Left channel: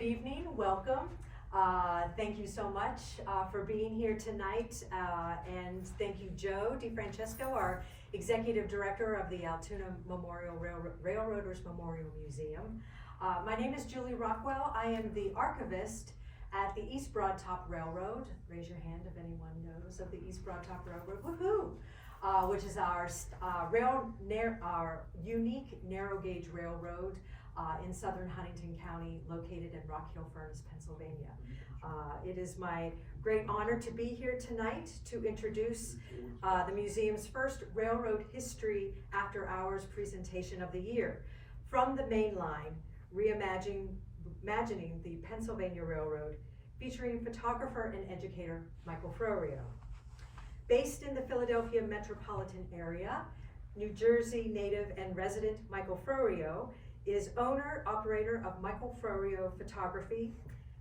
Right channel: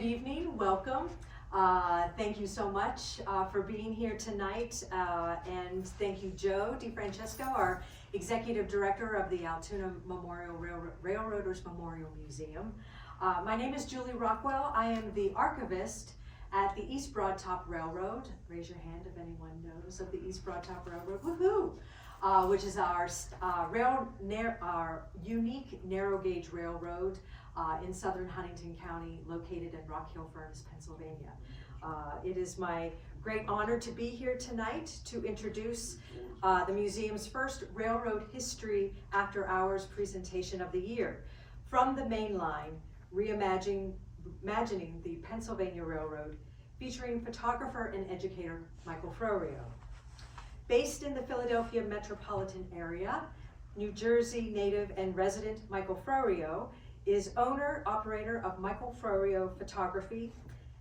Good evening, welcome. Thank you so much for being here tonight, and thank you, Joe DiFrancesco, our Executive Director of the Altoona Memorial Railroaders Memorial Museum. My name is Julie Rockwell. I am the archivist at the East Broad Top Railroad. Raise your hand if anyone knows of the East Broad Top Railroad. Woohoo! Which is our unique narrow gauge railroad in southern Huntington County, located in Rock Hill Furnace, Pennsylvania. It is my great honor to be here tonight to introduce the museum's first railroad history after hours presentation of the year, From the Main Line, Reimagining the Pennsylvania Railroad, featuring photographer and educator Michael Froio. Based in the Philadelphia metropolitan area, New Jersey native and resident Michael Froio is owner, operator of Michael Froio Photography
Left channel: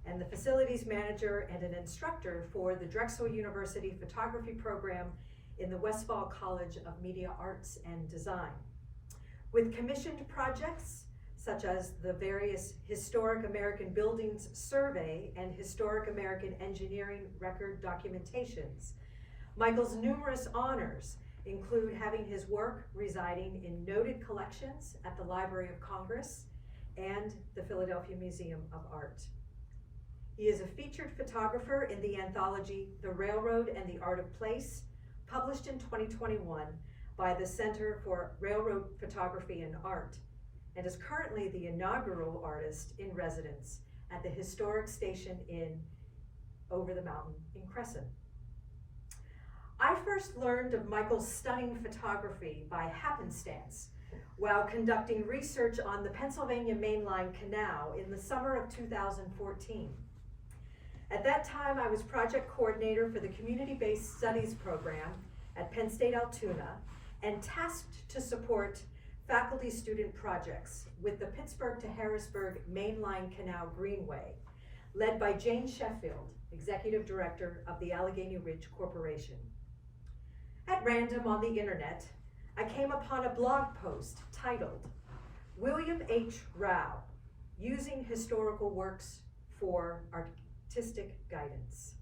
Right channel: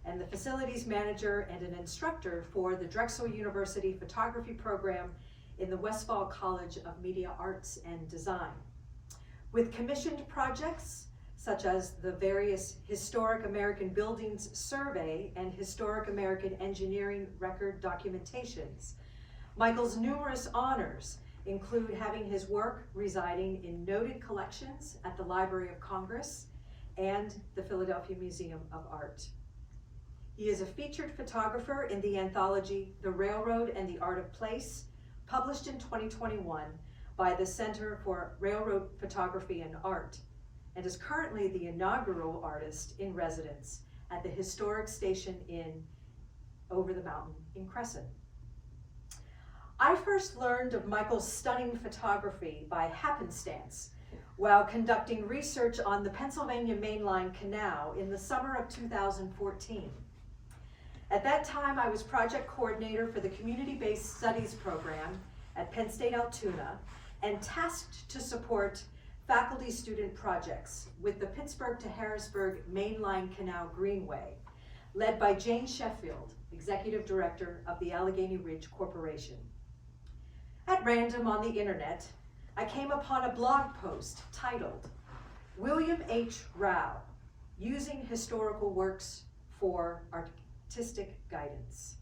and the facilities manager and an instructor for the Drexel University Photography Program in the Westfall College of Media Arts and Design. With commissioned projects such as the various Historic American Buildings Survey and Historic American Engineering Record Documentations, Michael's numerous honors include having his work residing in noted collections at the Library of Congress and the Philadelphia Museum of Art. He is a featured photographer in the anthology The Railroad and the Art of Place, published in 2021 by the Center for Railroad Photography and Art, and is currently the inaugural artist in residence at the Historic Station Inn over the mountain in Crescent. I first learned of Michael's stunning photography by happenstance while conducting research on the Pennsylvania Mainline Canal in the summer of 2014. At that time, I was project coordinator for the Community-Based Studies program at Penn State Altoona and tasked to support faculty-student projects with the Pittsburgh to Harrisburg Mainline Canal Greenway, led by Jane Sheffield, Executive Director of the Allegheny Ridge Corporation. At random on the internet, I came upon a blog post titled, William H. Rao, Using Historical Works for Artistic Guidance.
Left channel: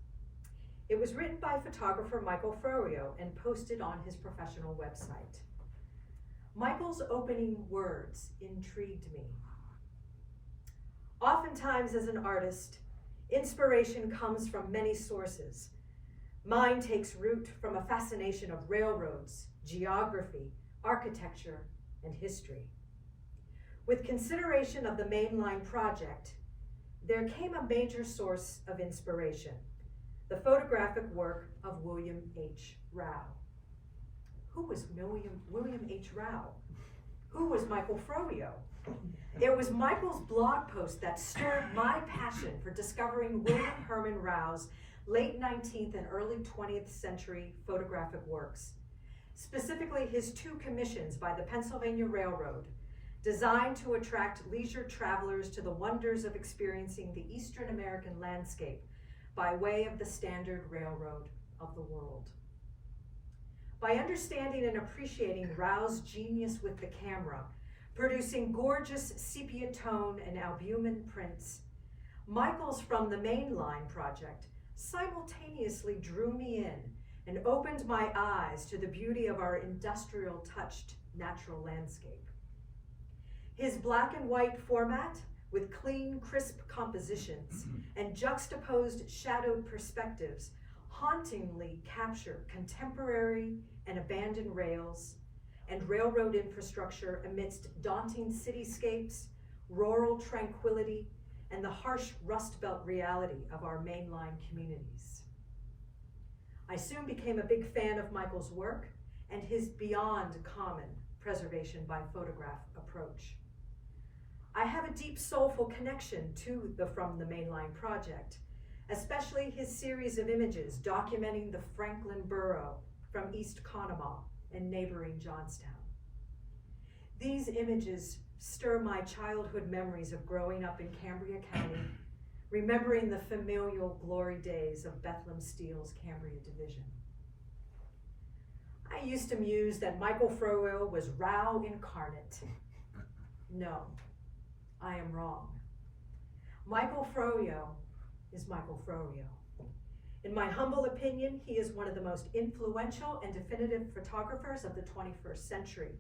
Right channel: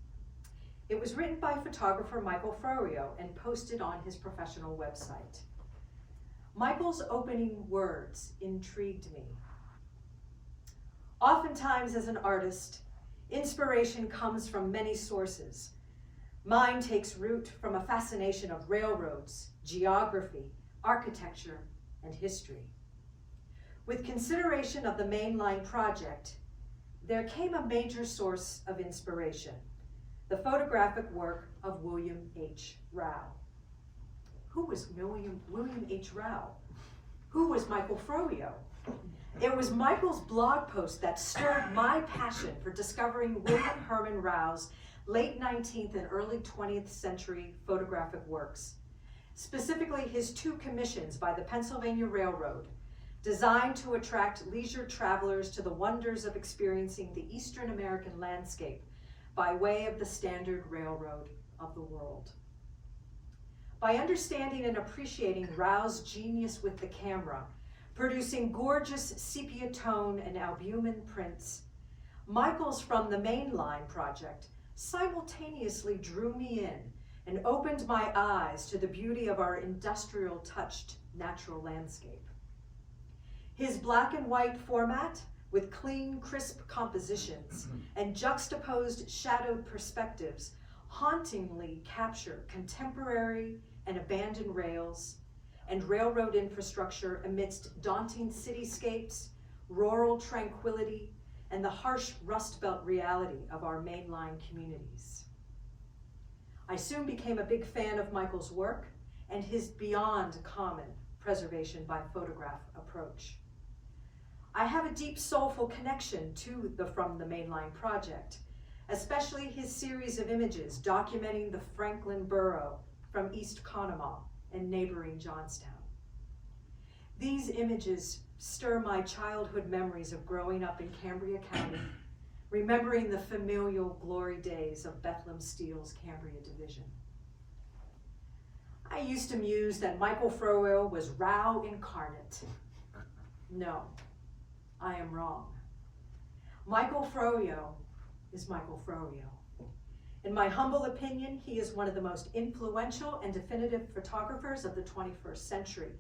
It was written by photographer Michael Froio and posted on his professional website. Michael's opening words intrigued me. Oftentimes as an artist, inspiration comes from many sources. Mine takes root from a fascination of railroads, geography, architecture, and history. With consideration of the Mainline project, there came a major source of inspiration, the photographic work of William H. Rao. Who was William H. Rao? Who was Michael Froio? It was Michael's blog post that stirred my passion for discovering William Herman Rao's late 19th and early 20th century photographic works, specifically his two commissions by the Pennsylvania Railroad, designed to attract leisure travelers to the wonders of experiencing the Eastern American landscape by way of the standard railroad of the world. By understanding and appreciating Rao's genius with the camera, producing gorgeous sepia tone and albumin prints, Michael's From the Mainline project simultaneously drew me in and opened my eyes to the beauty of our industrial touched natural landscape. His black and white format with clean, crisp compositions and juxtaposed shadowed perspectives hauntingly capture contemporary and abandoned rails and railroad infrastructure amidst daunting cityscapes, rural tranquility, and the harsh Rust Belt reality of our mainline communities. I soon became a big fan of Michael's work and his beyond common preservation by photograph approach. I have a deep soulful connection to the From the Mainline project, especially his series of images documenting the Franklin Borough from East Conemaugh and neighboring Johnstown. These images stir my childhood memories of growing up in Cambria County, remembering the familial glory days of Bethlehem Steel's Cambria Division. I used to muse that Michael Froio was Rao incarnate. No, I am wrong. Michael Froio is Michael Froio. In my humble opinion, he is one of the most influential and definitive photographers of the 21st century,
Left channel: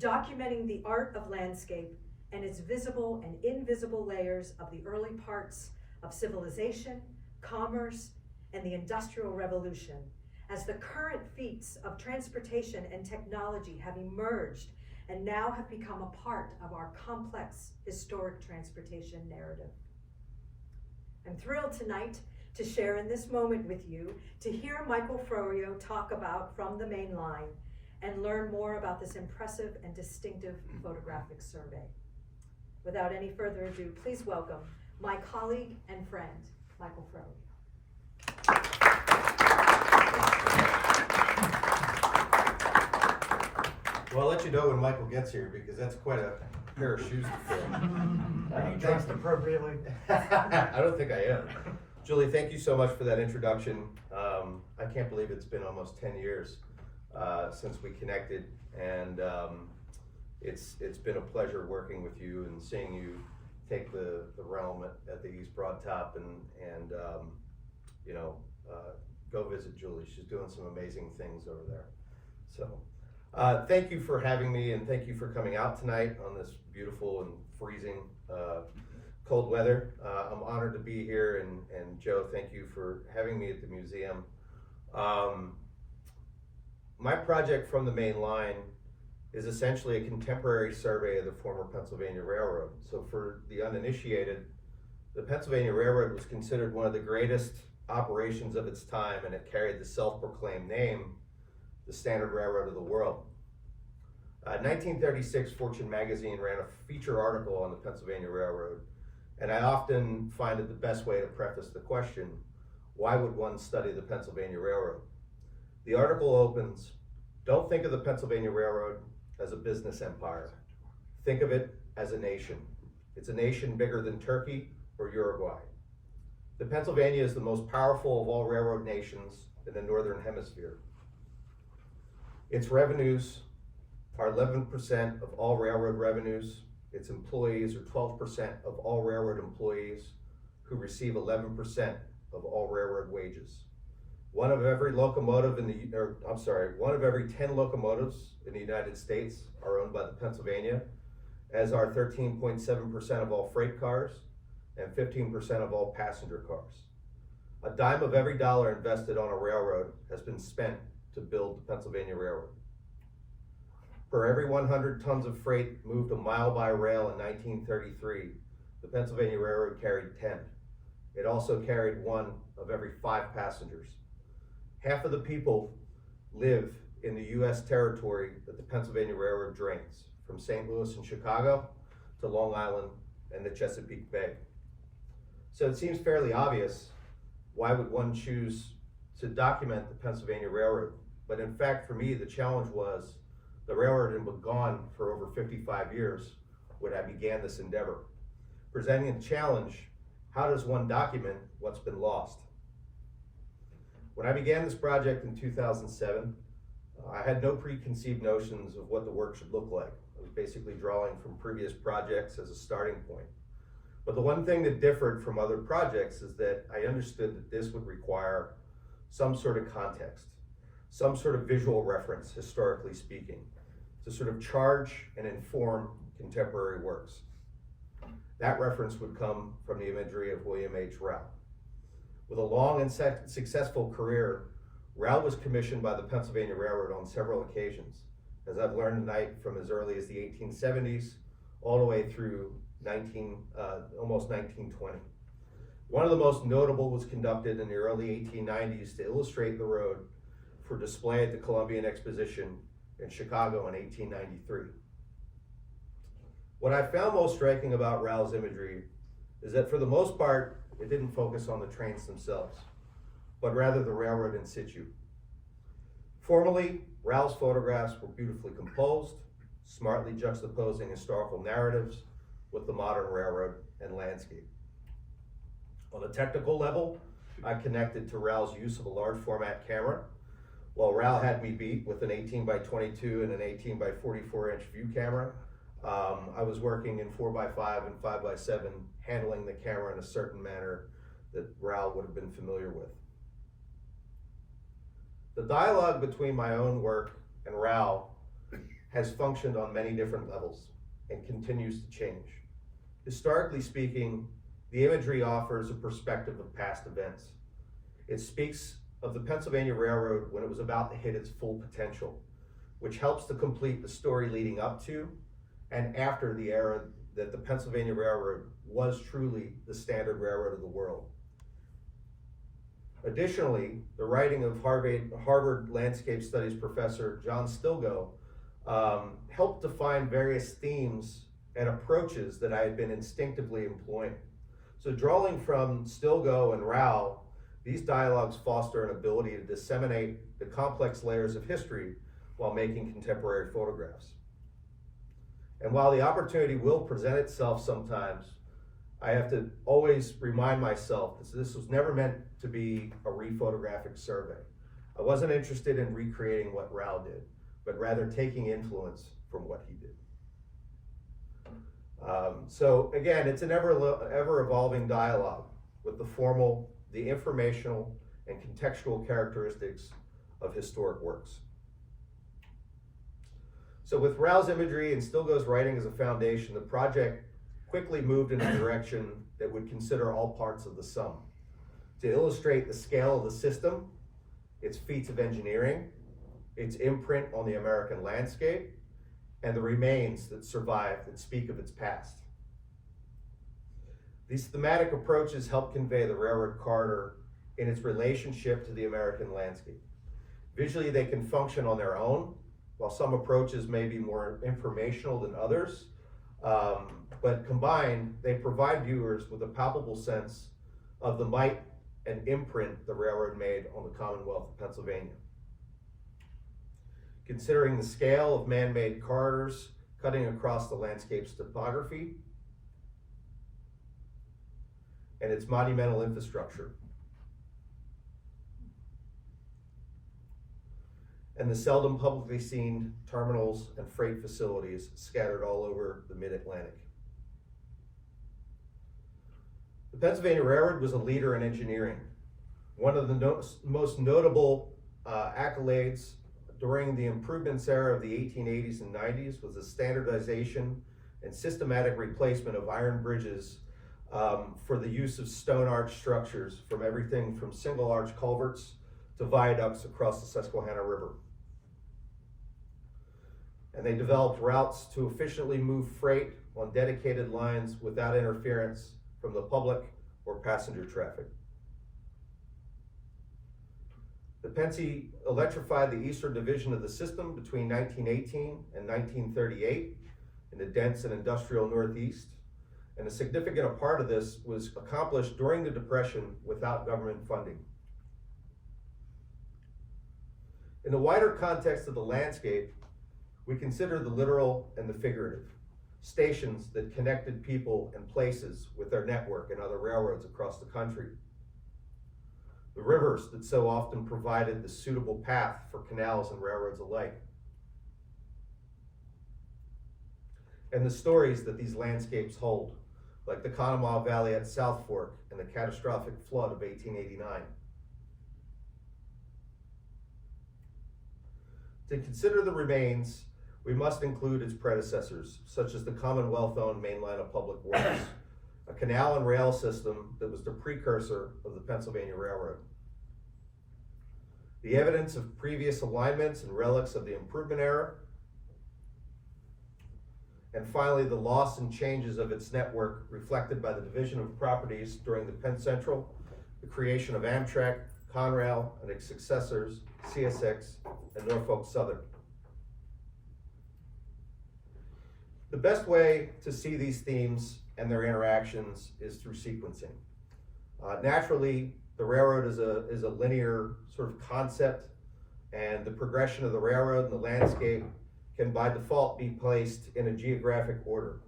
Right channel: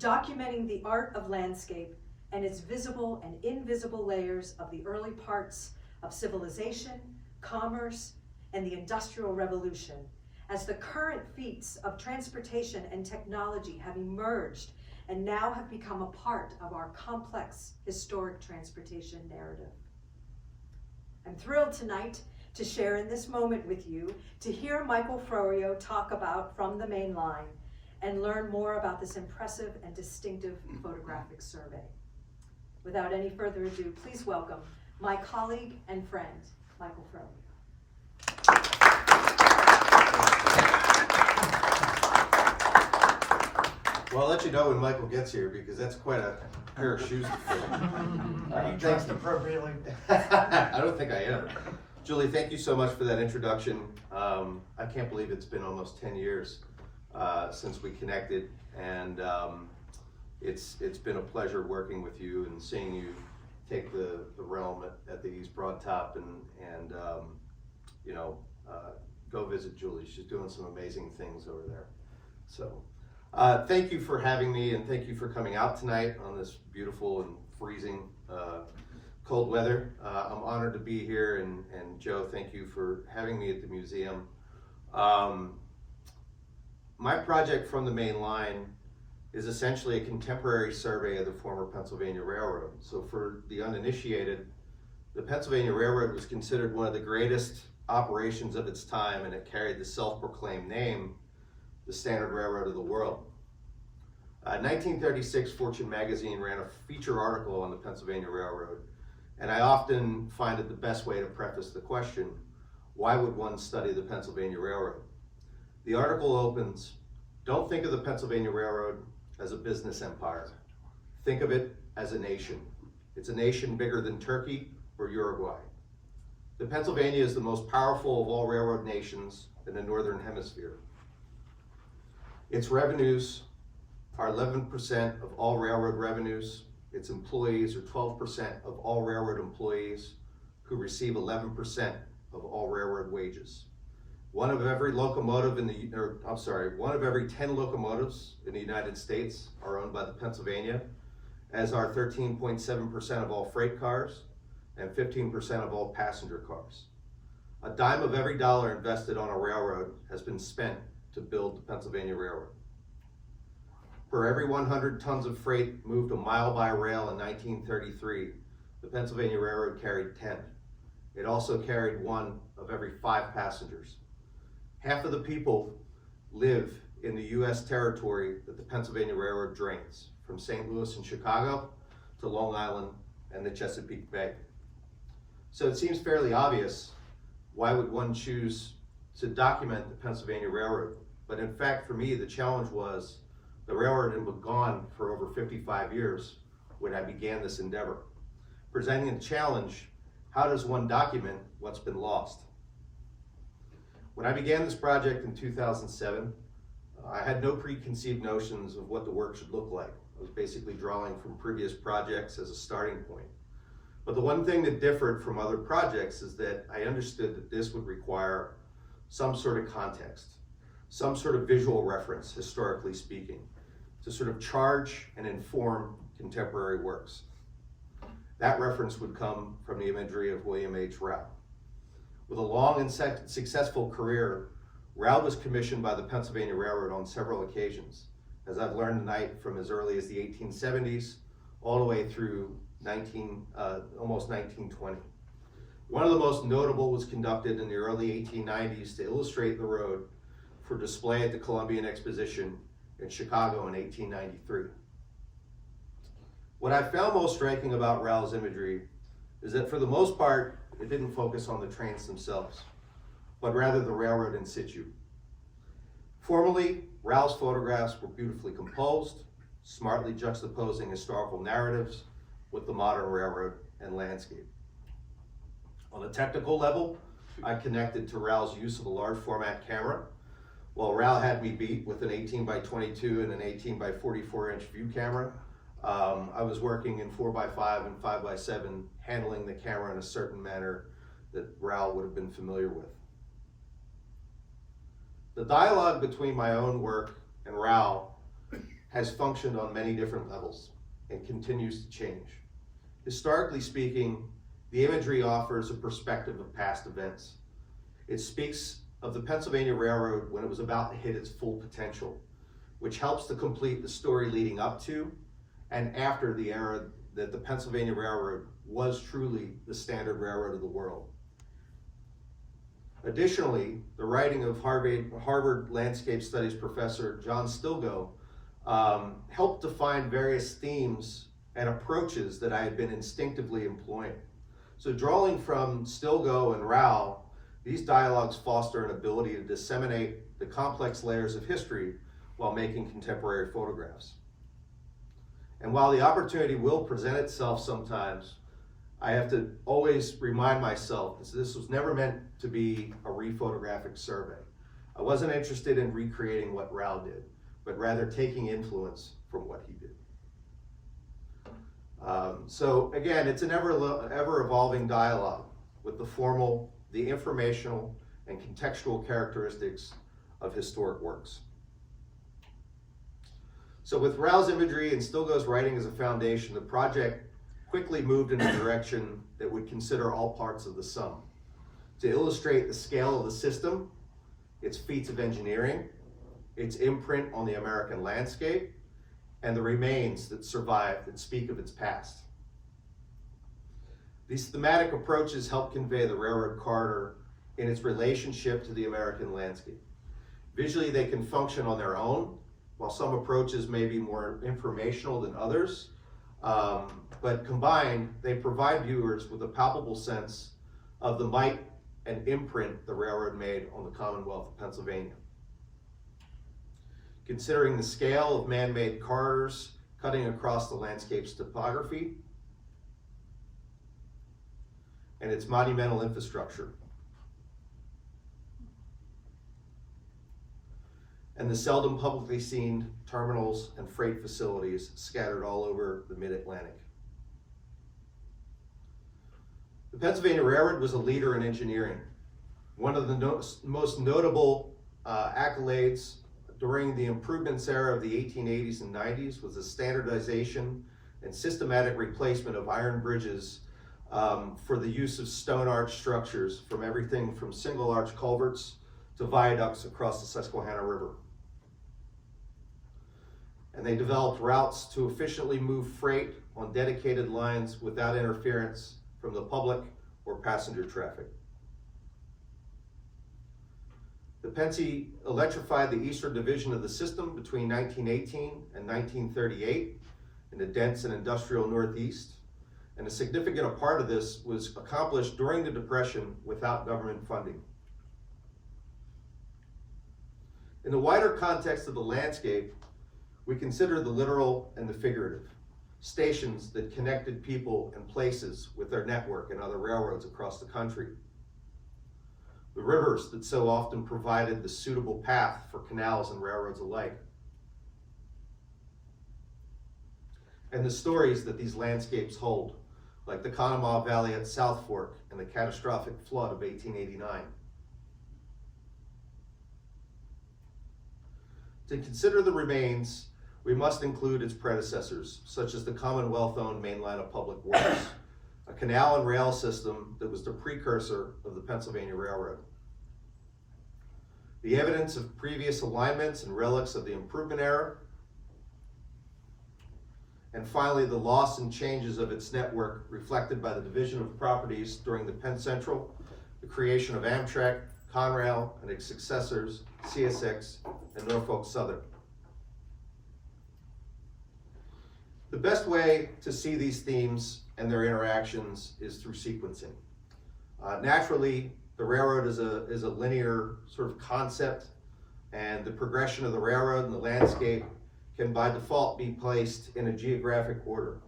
documenting the art of landscape and its visible and invisible layers of the early parts of civilization, commerce, and the Industrial Revolution, as the current feats of transportation and technology have emerged and now have become a part of our complex historic transportation narrative. I'm thrilled tonight to share in this moment with you, to hear Michael Froio talk about From the Main Line and learn more about this impressive and distinctive photographic survey. Without any further ado, please welcome my colleague and friend, Michael Froio. Well, I'll let you know when Michael gets here, because that's quite a pair of shoes to fill. Are you dressed appropriately? I don't think I am. Julie, thank you so much for that introduction. I can't believe it's been almost 10 years since we connected, and it's been a pleasure working with you and seeing you take the realm at the East Broad Top and go visit Julie. She's doing some amazing things over there. So thank you for having me, and thank you for coming out tonight on this beautiful and freezing cold weather. I'm honored to be here, and Joe, thank you for having me at the museum. My project, From the Main Line, is essentially a contemporary survey of the former Pennsylvania Railroad. So for the uninitiated, the Pennsylvania Railroad was considered one of the greatest operations of its time, and it carried the self-proclaimed name, the Standard Railroad of the World. 1936, Fortune magazine ran a feature article on the Pennsylvania Railroad, and I often find it the best way to preface the question, why would one study the Pennsylvania Railroad? The article opens, don't think of the Pennsylvania Railroad as a business empire. Think of it as a nation. It's a nation bigger than Turkey or Uruguay. The Pennsylvania is the most powerful of all railroad nations in the Northern Hemisphere. Its revenues are 11% of all railroad revenues. Its employees are 12% of all railroad employees, who receive 11% of all railroad wages. One of every 10 locomotives in the United States are owned by the Pennsylvania, as are 13.7% of all freight cars and 15% of all passenger cars. A dime of every dollar invested on a railroad has been spent to build the Pennsylvania Railroad. For every 100 tons of freight moved a mile by rail in 1933, the Pennsylvania Railroad carried 10. It also carried 1 of every 5 passengers. Half of the people live in the U.S. territory that the Pennsylvania Railroad drains, from St. Louis and Chicago to Long Island and the Chesapeake Bay. So it seems fairly obvious, why would one choose to document the Pennsylvania Railroad? But in fact, for me, the challenge was the railroad had been gone for over 55 years when I began this endeavor. Presenting a challenge, how does one document what's been lost? When I began this project in 2007, I had no preconceived notions of what the work should look like. I was basically drawing from previous projects as a starting point. But the one thing that differed from other projects is that I understood that this would require some sort of context, some sort of visual reference, historically speaking, to sort of charge and inform contemporary works. That reference would come from the imagery of William H. Rao. With a long and successful career, Rao was commissioned by the Pennsylvania Railroad on several occasions, as I've learned tonight, from as early as the 1870s all the way through almost 1920. One of the most notable was conducted in the early 1890s to illustrate the road for display at the Columbian Exposition in Chicago in 1893. What I found most striking about Rao's imagery is that for the most part, it didn't focus on the trains themselves, but rather the railroad in situ. Formally, Rao's photographs were beautifully composed, smartly juxtaposing historical narratives with the modern railroad and landscape. On a technical level, I connected to Rao's use of a large format camera, while Rao had me beat with an 18 by 22 and an 18 by 44 inch view camera. I was working in 4x5 and 5x7, handling the camera in a certain manner that Raoul would have been familiar with. The dialogue between my own work and Raoul has functioned on many different levels and continues to change. Historically speaking, the imagery offers a perspective of past events. It speaks of the Pennsylvania Railroad when it was about to hit its full potential, which helps to complete the story leading up to and after the era that the Pennsylvania Railroad was truly the standard railroad of the world. Additionally, the writing of Harvard Landscape Studies professor John Stilgoe helped define various themes and approaches that I had been instinctively employing. So drawing from Stilgoe and Raoul, these dialogues foster an ability to disseminate the complex layers of history while making contemporary photographs. And while the opportunity will present itself sometimes, I have to always remind myself that this was never meant to be a rephotographic survey. I wasn't interested in recreating what Raoul did, but rather taking influence from what he did. So again, it's an ever evolving dialogue with the formal, the informational, and contextual characteristics of historic works. So with Raoul's imagery and Stilgoe's writing as a foundation, the project quickly moved in a direction that would consider all parts of the sum. To illustrate the scale of the system, its feats of engineering, its imprint on the American landscape, and the remains that survive that speak of its past. These thematic approaches help convey the railroad corridor in its relationship to the American landscape. Visually, they can function on their own, while some approaches may be more informational than others. But combined, they provide viewers with a palpable sense of the might and imprint the railroad made on the Commonwealth of Pennsylvania. Considering the scale of man-made corridors cutting across the landscape's topography and its monumental infrastructure, and the seldom publicly seen terminals and freight facilities scattered all over the mid-Atlantic. The Pennsylvania Railroad was a leader in engineering. One of the most notable accolades during the improvements era of the 1880s and 90s was the standardization and systematic replacement of iron bridges for the use of stone arch structures, from everything from single arch culverts to viaducts across the Susquehanna River. And they developed routes to efficiently move freight on dedicated lines without interference from the public or passenger traffic. The Pennsy electrified the eastern division of the system between 1918 and 1938 in the dense and industrial Northeast, and a significant part of this was accomplished during the Depression without government funding. In the wider context of the landscape, we consider the literal and the figurative, stations that connected people and places with their network and other railroads across the country. The rivers that so often provided the suitable path for canals and railroads alike. And the stories that these landscapes hold, like the Conemaugh Valley at South Fork and the catastrophic flood of 1889. To consider the remains, we must include its predecessors, such as the Commonwealth-owned Main Line of Public Works, a canal and rail system that was the precursor of the Pennsylvania Railroad. The evidence of previous alignments and relics of the improvement era, and finally the loss and changes of its network reflected by the division of properties during the Penn Central, the creation of Amtrak, Conrail, and its successors, CSX, and Norfolk Southern. The best way to see these themes and their interactions is through sequencing. Naturally, the railroad is a linear sort of concept, and the progression of the railroad and the landscape can by default be placed in a geographic order.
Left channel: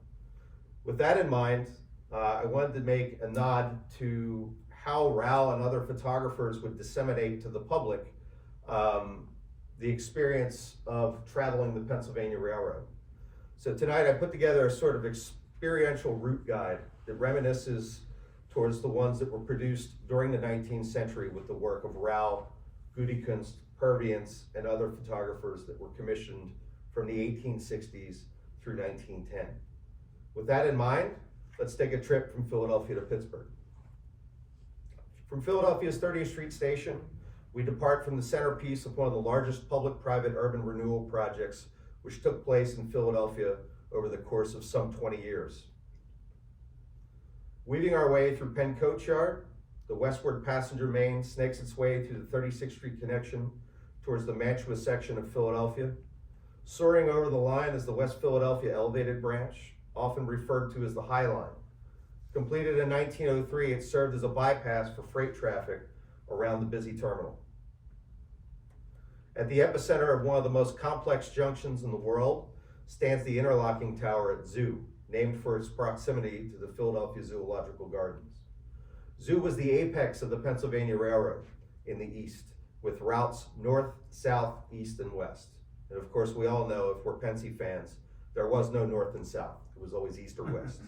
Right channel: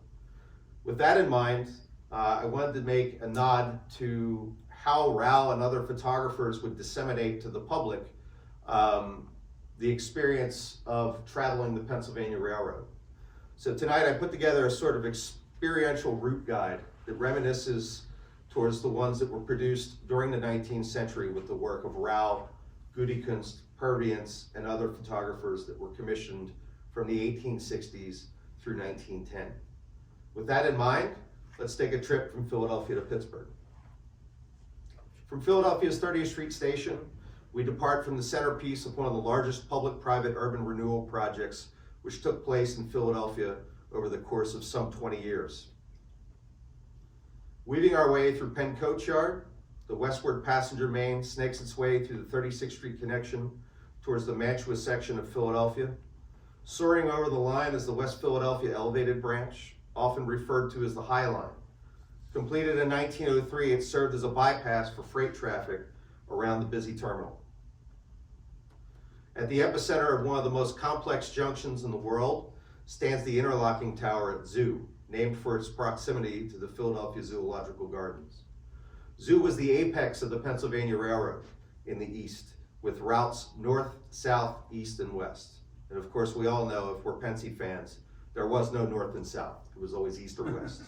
With that in mind, I wanted to make a nod to how Raoul and other photographers would disseminate to the public the experience of traveling the Pennsylvania Railroad. So tonight I put together a sort of experiential route guide that reminisces towards the ones that were produced during the 19th century with the work of Rau, Gudekunst, Purviance, and other photographers that were commissioned from the 1860s through 1910. With that in mind, let's take a trip from Philadelphia to Pittsburgh. From Philadelphia's 30th Street Station, we depart from the centerpiece of one of the largest public-private urban renewal projects which took place in Philadelphia over the course of some 20 years. Weaving our way through Penn Coach Yard, the westward passenger main snakes its way through the 36th Street connection towards the Mantua section of Philadelphia. Soaring over the line is the West Philadelphia Elevated Branch, often referred to as the High Line. Completed in 1903, it served as a bypass for freight traffic around the busy terminal. At the epicenter of one of the most complex junctions in the world stands the interlocking tower at Zoo, named for its proximity to the Philadelphia Zoological Gardens. Zoo was the apex of the Pennsylvania Railroad in the east, with routes north, south, east, and west. And of course, we all know, if we're Pennsy fans, there was no north and south. It was always east or west.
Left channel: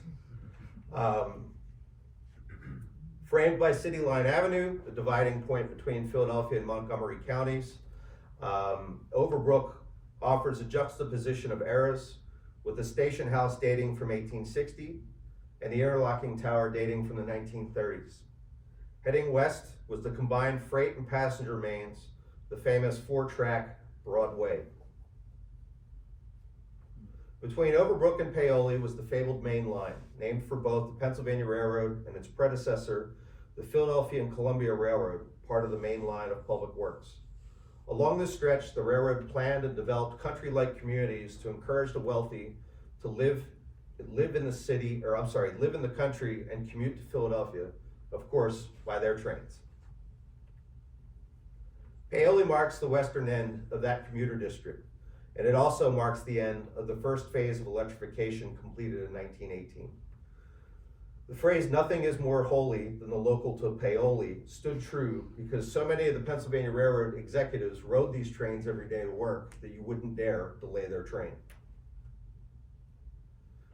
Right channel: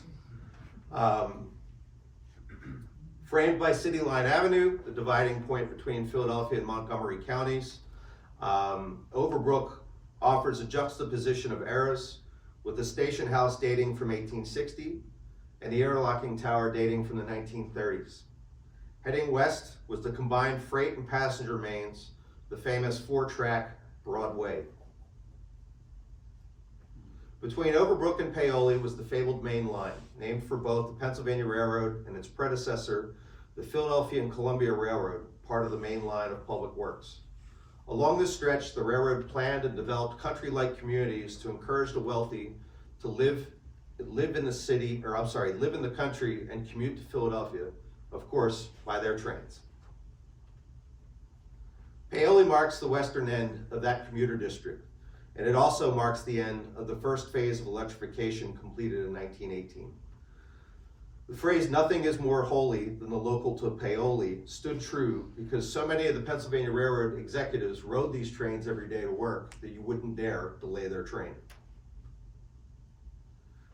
Framed by City Line Avenue, the dividing point between Philadelphia and Montgomery counties, Overbrook offers a juxtaposition of eras, with the station house dating from 1860 and the interlocking tower dating from the 1930s. Heading west was the combined freight and passenger mains, the famous 4-track Broadway. Between Overbrook and Paoli was the fabled main line, named for both the Pennsylvania Railroad and its predecessor, the Philadelphia and Columbia Railroad, part of the main line of public works. Along this stretch, the railroad planned and developed country-like communities to encourage the wealthy to live in the country and commute to Philadelphia, of course, by their trains. Paoli marks the western end of that commuter district, and it also marks the end of the first phase of electrification completed in 1918. The phrase, "nothing is more holy than the local to Paoli," stood true because so many of the Pennsylvania Railroad executives rode these trains every day to work that you wouldn't dare delay their train.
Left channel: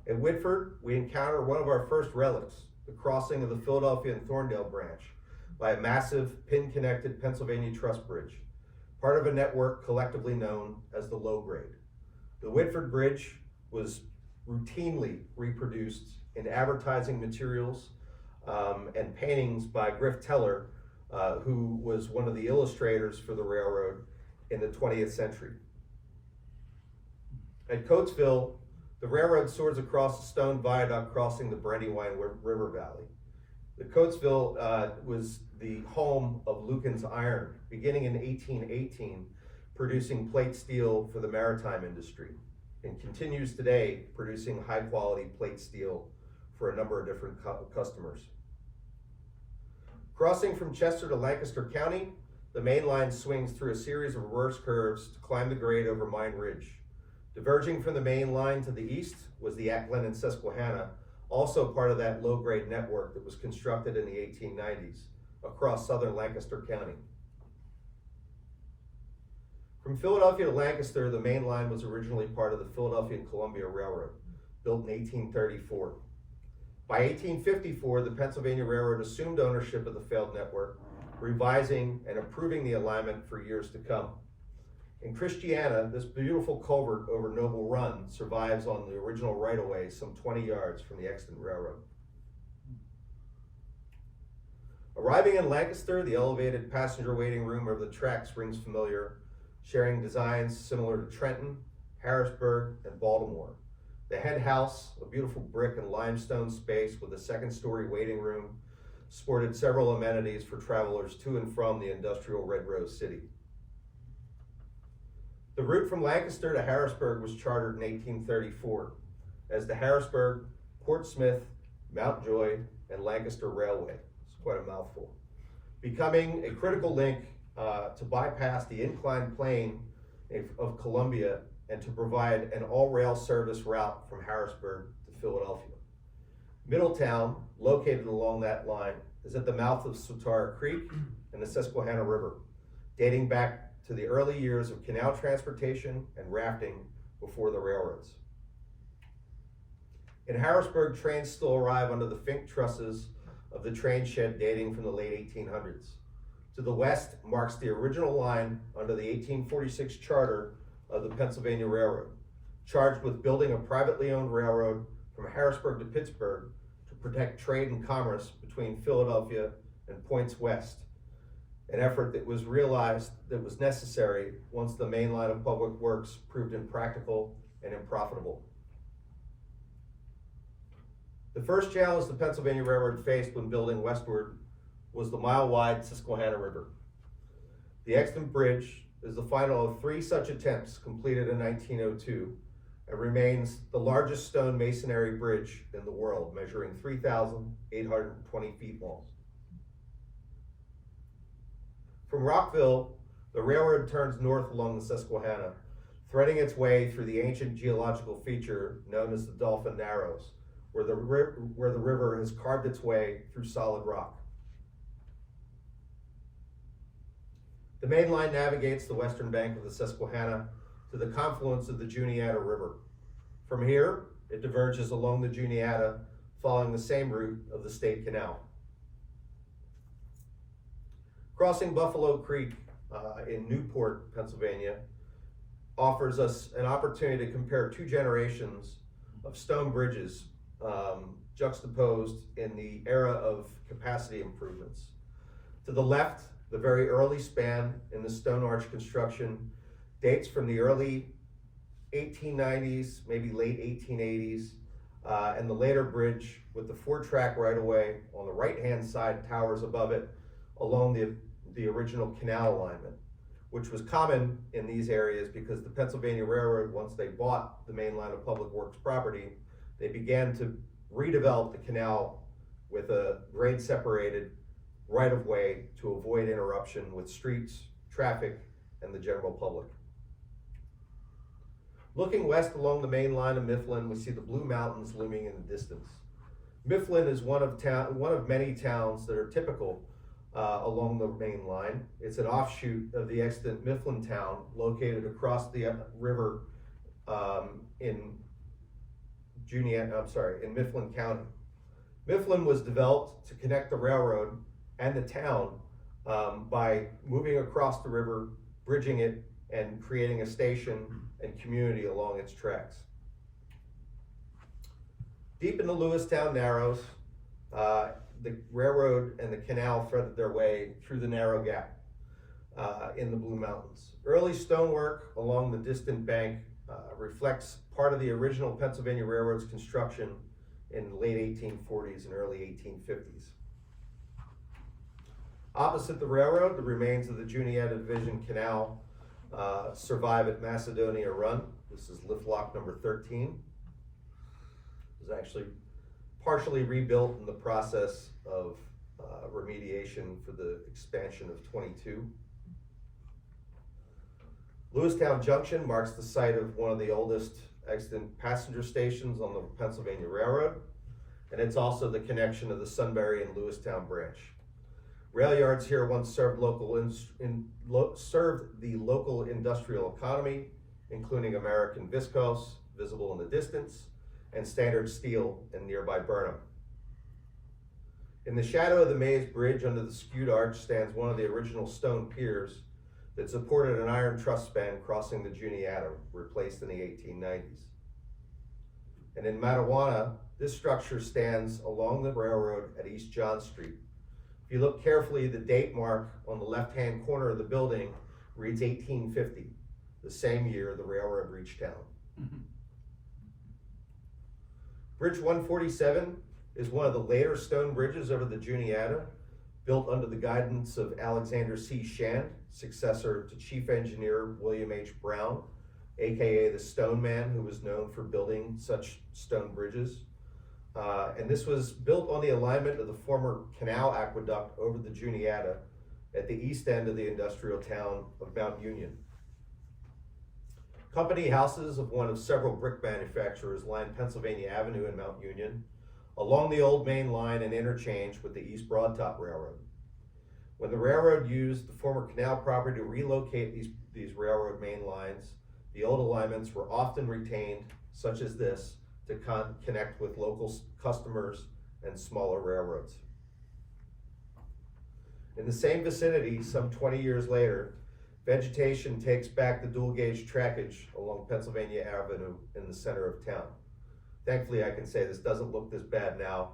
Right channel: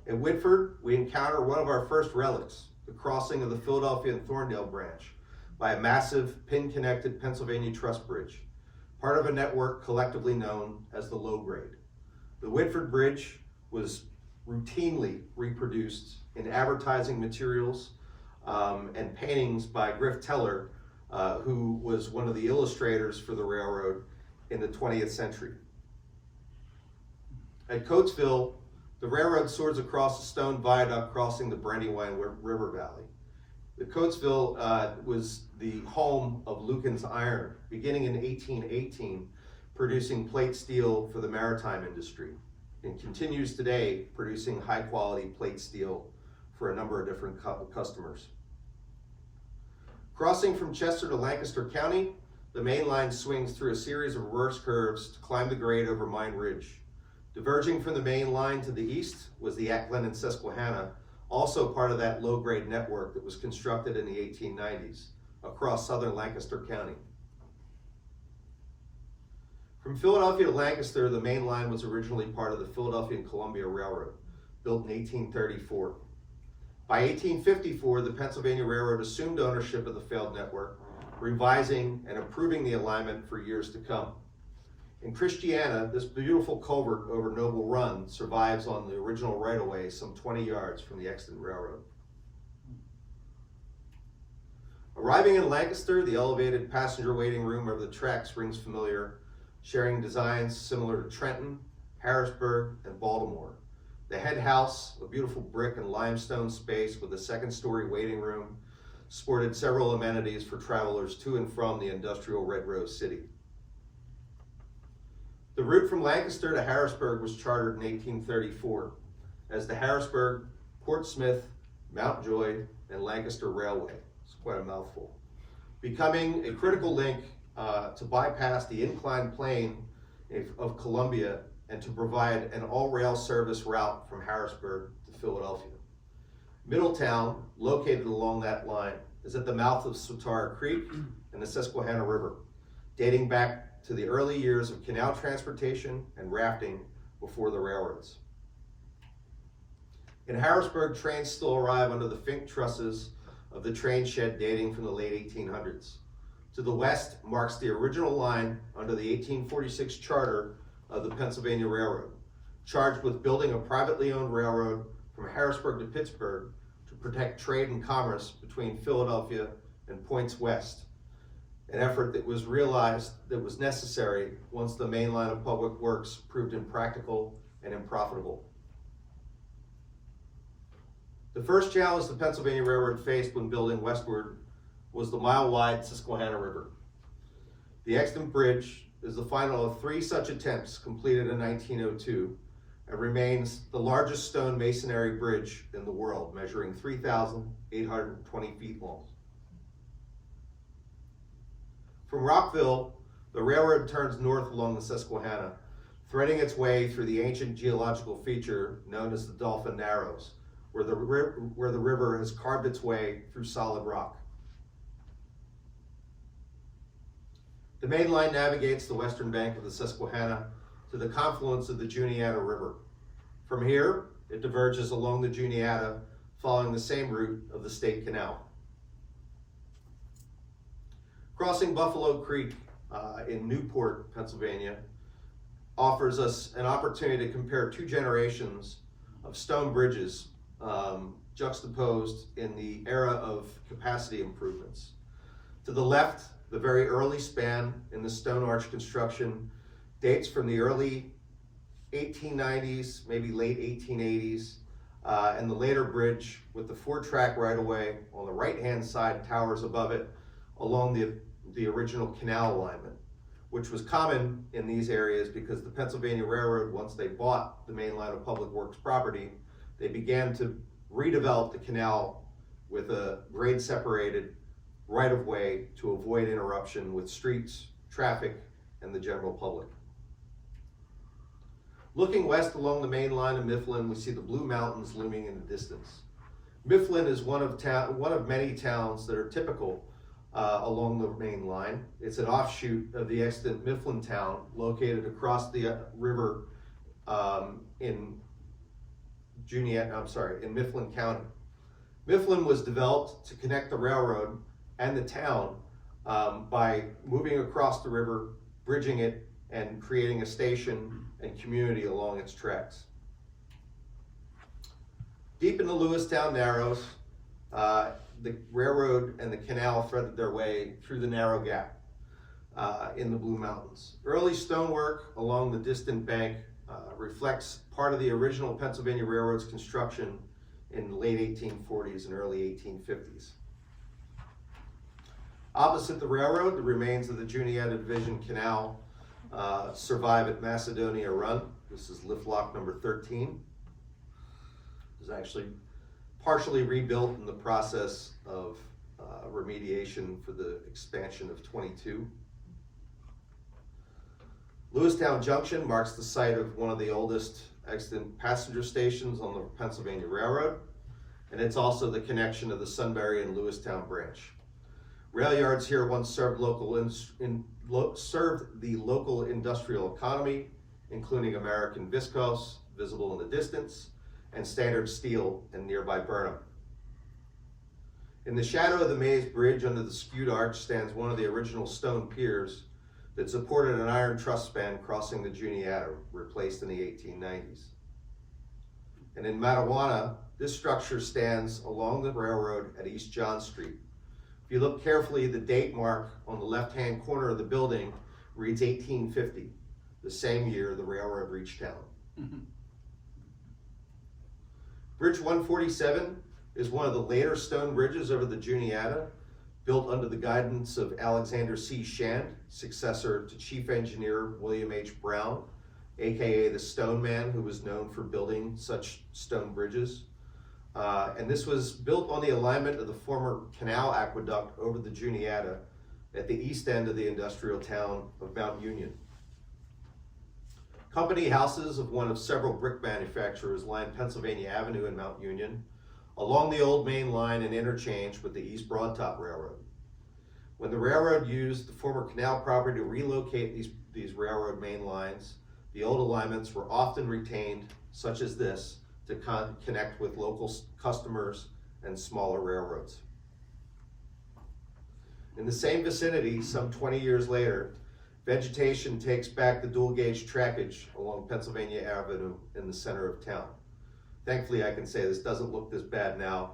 In Whitford, we encounter one of our first relics, the crossing of the Philadelphia and Thorndale branch by a massive pin-connected Pennsylvania truss bridge, part of a network collectively known as the Low Grade. The Whitford Bridge was routinely reproduced in advertising materials and paintings by Griff Teller, who was one of the illustrators for the railroad in the 20th century. At Coatesville, the railroad soars across a stone viaduct crossing the Brandywine River Valley. The Coatesville was the home of Lucan's Iron, beginning in 1818, producing plate steel for the maritime industry, and continues today producing high-quality plate steel for a number of different customers. Crossing from Chester to Lancaster County, the main line swings through a series of reverse curves to climb the grade over Mine Ridge. Diverging from the main line to the east was the Acklen and Susquehanna, also part of that low-grade network that was constructed in the 1890s across southern Lancaster County. From Philadelphia to Lancaster, the main line was originally part of the Philadelphia and Columbia Railroad, built in 1834. By 1854, the Pennsylvania Railroad assumed ownership of the failed network, revising and improving the alignment for years to come. In Christiana, this beautiful culvert over Noble Run survives on the original right-of-way some 20 yards from the extant railroad. Arriving in Lancaster, the elevated passenger waiting room over the tracks rings familiar, sharing designs similar to Trenton, Harrisburg, and Baltimore. The head house, a beautiful brick and limestone space with a second-story waiting room, sported several amenities for travelers to and from the industrial Red Rose City. The route from Lancaster to Harrisburg was chartered in 1834 as the Harrisburg, Portsmouth, Mountjoy, and Lancaster Railway. It's quite a mouthful. Becoming a critical link to bypass the inclined plane of Columbia and to provide an all-rail service route from Harrisburg to Philadelphia. Middletown, located along that line, is at the mouth of Swatara Creek and the Susquehanna River, dating back to the early years of canal transportation and rafting before the railroads. In Harrisburg, trains still arrive under the fink trusses of the train shed dating from the late 1800s. To the west marks the original line under the 1846 charter of the Pennsylvania Railroad, charged with building a privately owned railroad from Harrisburg to Pittsburgh to protect trade and commerce between Philadelphia and points west, an effort that was realized that was necessary once the main line of public works proved impractical and unprofitable. The first challenge the Pennsylvania Railroad faced when building westward was the mile-wide Susquehanna River. The Extant Bridge is the final of 3 such attempts completed in 1902 and remains the largest stone masonry bridge in the world, measuring 3,820 feet long. From Rockville, the railroad turns north along the Susquehanna, threading its way through the ancient geological feature known as the Dolphin Narrows, where the river has carved its way through solid rock. The main line navigates the western bank of the Susquehanna to the confluence of the Juniata River. From here, it diverges along the Juniata, following the same route of the State Canal. Crossing Buffalo Creek in Newport, Pennsylvania, offers us an opportunity to compare 2 generations of stone bridges juxtaposed in the era of capacity improvements. To the left, the very early span in the stone arch construction dates from the early 1890s, maybe late 1880s, and the later bridge with the 4-track right-of-way on the right-hand side towers above it along the original canal alignment, which was common in these areas because the Pennsylvania Railroad, once they bought the main line of public works property, they began to redevelop the canal with a grade separated right-of-way to avoid interruption with streets, traffic, and the general public. Looking west along the main line of Mifflin, we see the Blue Mountains looming in the distance. Mifflin is one of many towns that are typical along the main line. It's an offshoot of the extant Mifflin town located across the river in Mifflin County. Mifflin was developed to connect the railroad and the town by moving across the river, bridging it, and creating a station and community along its tracks. Deep in the Lewistown Narrows, the railroad and the canal threaded their way through the narrow gap in the Blue Mountains. Early stonework along the distant bank reflects part of the original Pennsylvania Railroad's construction in the late 1840s and early 1850s. Opposite the railroad, the remains of the Juniata Division Canal survive at Macedonia Run. This is lift lock number 13. It was actually partially rebuilt in the process of remediation for the expansion of 22. Lewistown Junction marks the site of one of the oldest extant passenger stations on the Pennsylvania Railroad, and it's also the connection of the Sunbury and Lewistown branch. Rail yards here once served the local industrial economy, including American Viscose, visible in the distance, and Standard Steel in nearby Burnham. In the shadow of the Maze Bridge under the skewed arch stands one of the original stone piers that supported an iron truss span crossing the Juniata, replaced in the 1890s. And in Mattawanna, this structure stands along the railroad at East John Street. If you look carefully, the date mark on the left-hand corner of the building reads 1850, the same year the railroad reached town. Mm-hmm. Bridge 147 is one of the later stone bridges over the Juniata, built under the guidance of Alexander C. Shand, successor to Chief Engineer William H. Brown, aka the Stone Man, who was known for building such stone bridges. And this was built on the alignment of the former canal aqueduct over the Juniata at the east end of the industrial town of Mount Union. Company houses of one of several brick manufacturers line Pennsylvania Avenue in Mount Union, along the old main line and interchange with the East Broadtop Railroad. When the railroad used the former canal property to relocate these railroad main lines, the old alignments were often retained, such as this, to connect with local customers and smaller railroads. In the same vicinity, some 20 years later, vegetation takes back the dual gauge trackage along Pennsylvania Avenue in the center of town. Thankfully, I can say this doesn't look this bad now.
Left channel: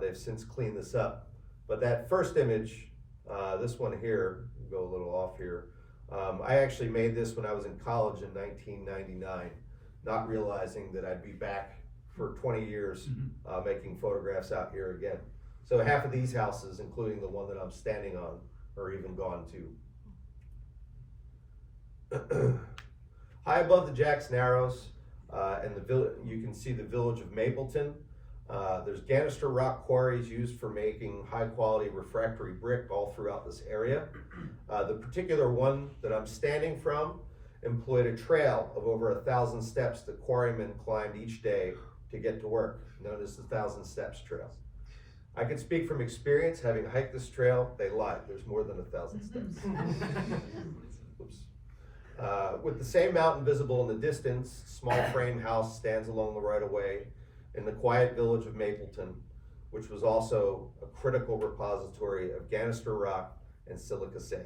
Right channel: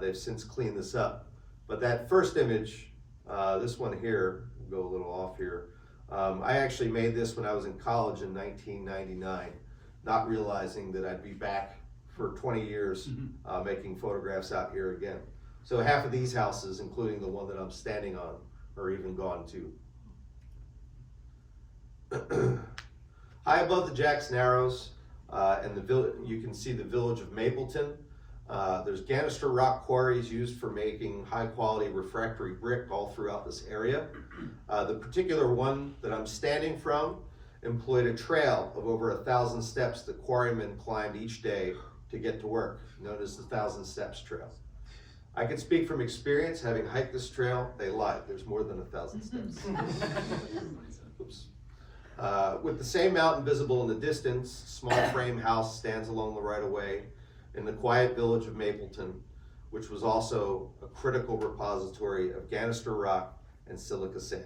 They've since cleaned this up. But that first image, this one here, go a little off here. I actually made this when I was in college in 1999, not realizing that I'd be back for 20 years making photographs out here again. So half of these houses, including the one that I'm standing on, are even gone too. High above the Jacks Narrows and you can see the village of Mapleton. There's Ganister rock quarries used for making high quality refractory brick all throughout this area. The particular one that I'm standing from employed a trail of over 1,000 steps that quarrymen climbed each day to get to work, known as the 1,000 Steps Trail. I can speak from experience, having hiked this trail. They lied, there's more than 1,000 steps. Oops. With the same mountain visible in the distance, small frame house stands along the right of way in the quiet village of Mapleton, which was also a critical repository of Ganister rock and silica sand.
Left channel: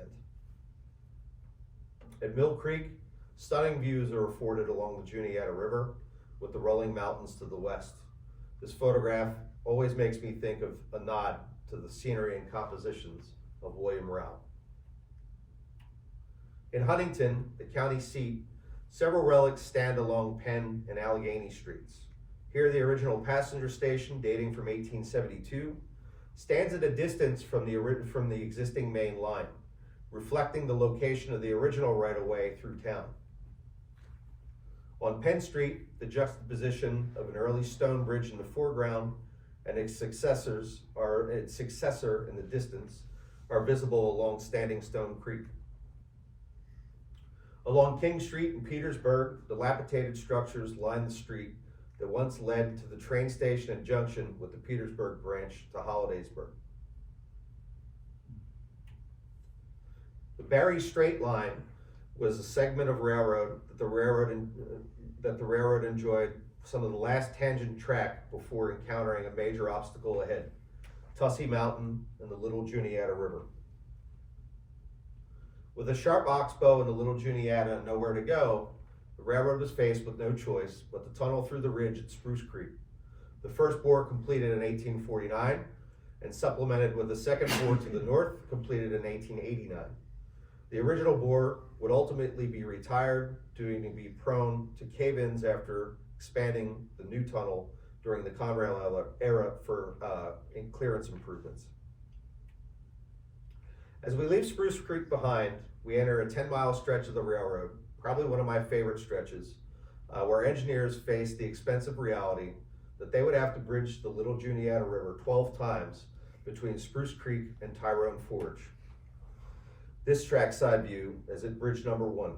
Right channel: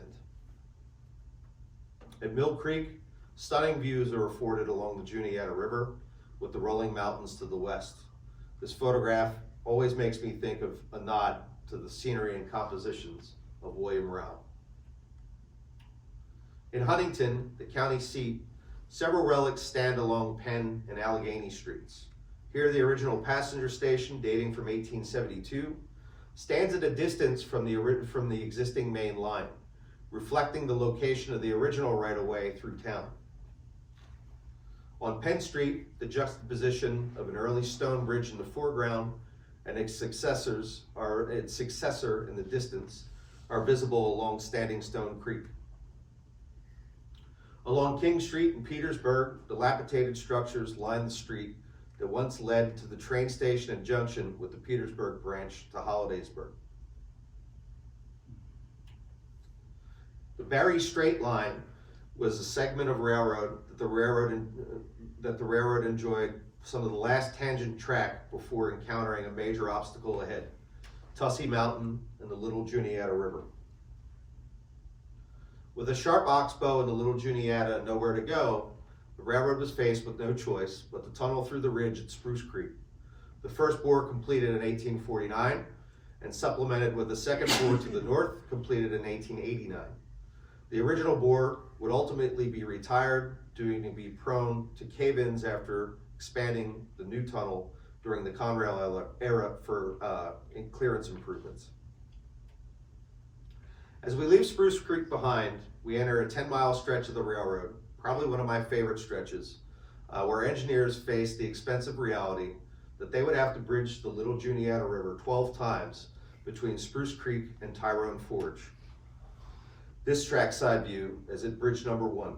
At Mill Creek, stunning views are afforded along the Juniata River with the rolling mountains to the west. This photograph always makes me think of a nod to the scenery and compositions of William Rao. In Huntington, the county seat, several relics stand along Penn and Allegheny streets. Here, the original passenger station, dating from 1872, stands at a distance from the existing main line, reflecting the location of the original right-of-way through town. On Penn Street, the juxtaposition of an early stone bridge in the foreground and its successor in the distance are visible along Standing Stone Creek. Along King Street in Petersburg, dilapidated structures line the street that once led to the train station and junction with the Petersburg branch to Hollidaysburg. The Barry Straight Line was a segment of railroad that the railroad enjoyed some of the last tangent track before encountering a major obstacle ahead, Tussey Mountain and the Little Juniata River. With a sharp oxbow in the Little Juniata and nowhere to go, the railroad was faced with no choice but to tunnel through the ridge at Spruce Creek. The first bore completed in 1849 and supplemented with a second bore to the north completed in 1889. The original bore would ultimately be retired, due to be prone to cave-ins after expanding the new tunnel during the Conrail era for clearance improvements. As we leave Spruce Creek behind, we enter a 10-mile stretch of the railroad, probably one of my favorite stretches, where engineers faced the expensive reality that they would have to bridge the Little Juniata River 12 times between Spruce Creek and Tyrone Forge. This trackside view is at bridge number 1.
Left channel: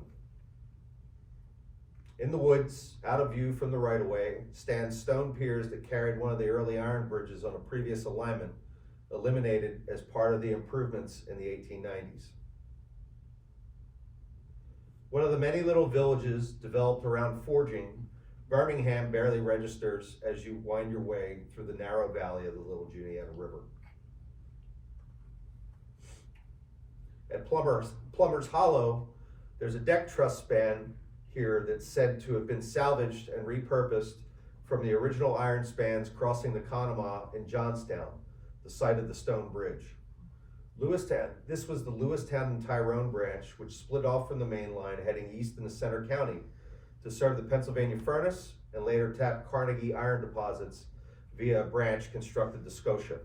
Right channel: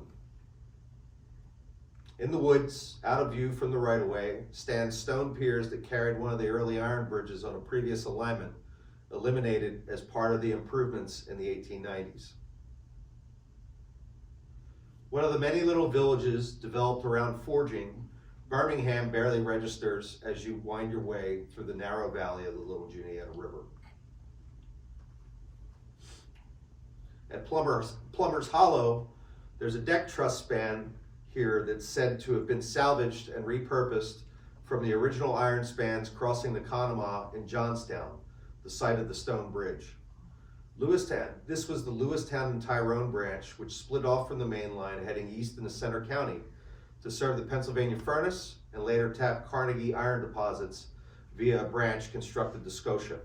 In the woods, out of view from the right-of-way, stand stone piers that carried one of the early iron bridges on a previous alignment, eliminated as part of the improvements in the 1890s. One of the many little villages developed around forging, Birmingham barely registers as you wind your way through the narrow valley of the Little Juniata River. At Plummer's Hollow, there's a deck truss span here that's said to have been salvaged and repurposed from the original iron spans crossing the Conemaugh in Johnstown, the site of the stone bridge. Lewistown, this was the Lewistown and Tyrone branch, which split off from the main line heading east into Center County to serve the Pennsylvania Furnace and later tap Carnegie iron deposits via a branch constructed to Scotia.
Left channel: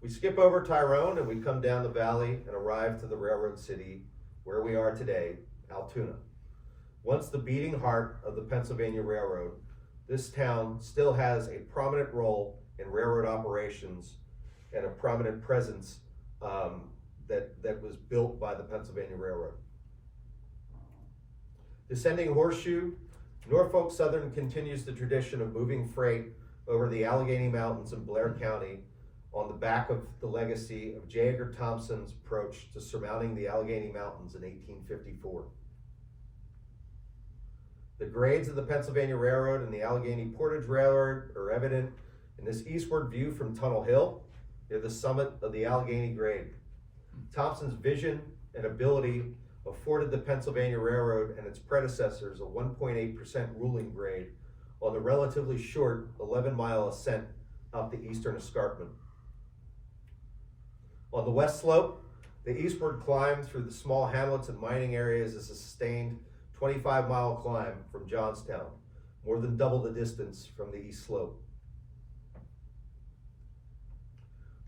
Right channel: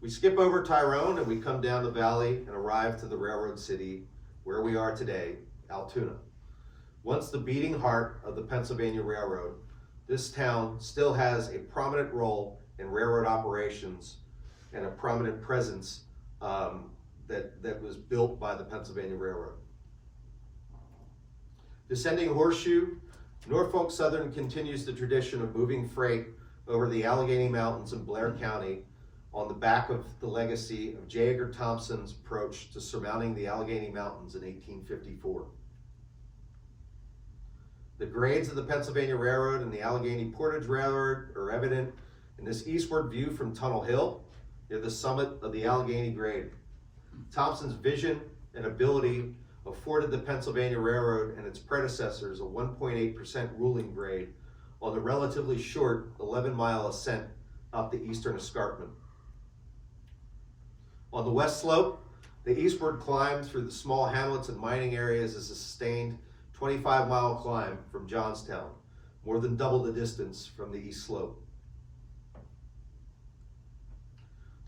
We skip over Tyrone and we come down the valley and arrive to the railroad city where we are today, Altoona. Once the beating heart of the Pennsylvania Railroad, this town still has a prominent role in railroad operations and a prominent presence that was built by the Pennsylvania Railroad. Descending Horseshoe, Norfolk Southern continues the tradition of moving freight over the Allegheny Mountains in Blair County on the back of the legacy of J. Edgar Thompson's approach to surmounting the Allegheny Mountains in 1854. The grades of the Pennsylvania Railroad and the Allegheny Portage Railroad are evident in this eastward view from Tunnel Hill near the summit of the Allegheny Grade. Thompson's vision and ability afforded the Pennsylvania Railroad and its predecessors a 1.8% ruling grade on the relatively short 11-mile ascent up the eastern escarpment. On the west slope, the eastward climb through the small hamlets and mining areas is a sustained 25-mile climb from Johnstown, more than double the distance from the east slope.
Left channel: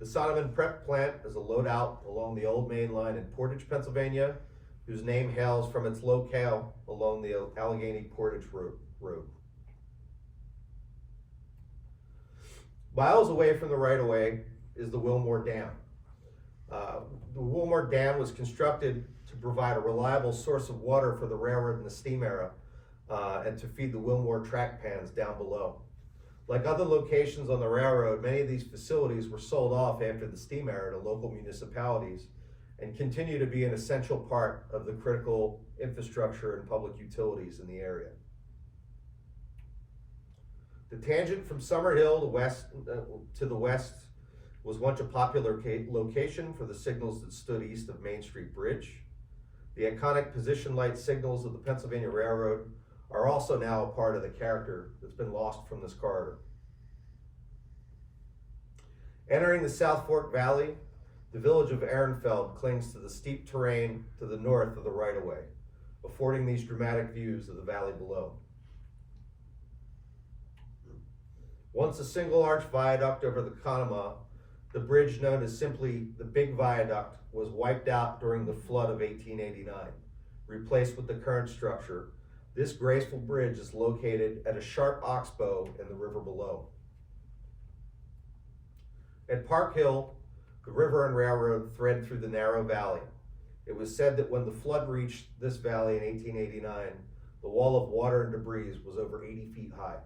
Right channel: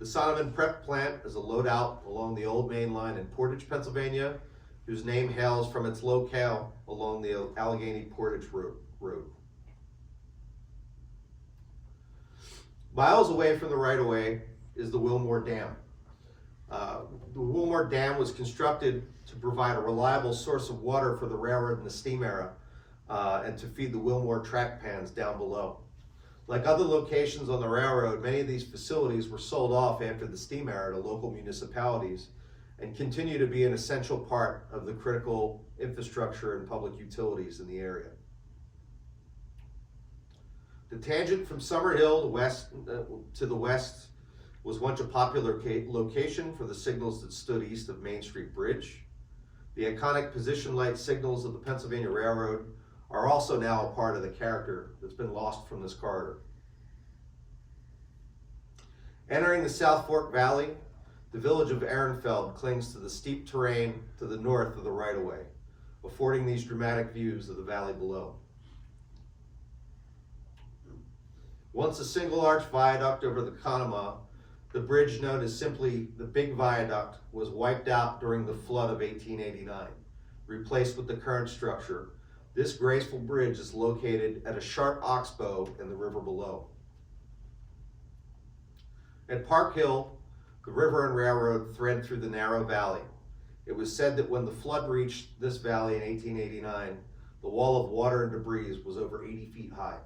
The Sonneman Prep Plant is a loadout along the old main line in Portage, Pennsylvania, whose name hails from its locale along the Allegheny Portage Road. Miles away from the right-of-way is the Wilmore Dam. The Wilmore Dam was constructed to provide a reliable source of water for the railroad in the steam era and to feed the Wilmore track pans down below. Like other locations on the railroad, many of these facilities were sold off after the steam era to local municipalities and continue to be an essential part of the critical infrastructure and public utilities in the area. The tangent from Summerhill to the west was once a popular location for the signals that stood east of Main Street Bridge. The iconic position light signals of the Pennsylvania Railroad are also now a part of the character that's been lost from this corridor. Entering the South Fork Valley, the village of Ehrenfeld clings to the steep terrain to the north of the right-of-way, affording these dramatic views of the valley below. Once a single arch viaduct over the Conemaugh, the bridge known as simply the Big Viaduct was wiped out during the flood of 1889, replaced with the current structure. This graceful bridge is located at a sharp oxbow in the river below. At Park Hill, the river and railroad thread through the narrow valley. It was said that when the flood reached this valley in 1889, the wall of water and debris was over 80 feet high.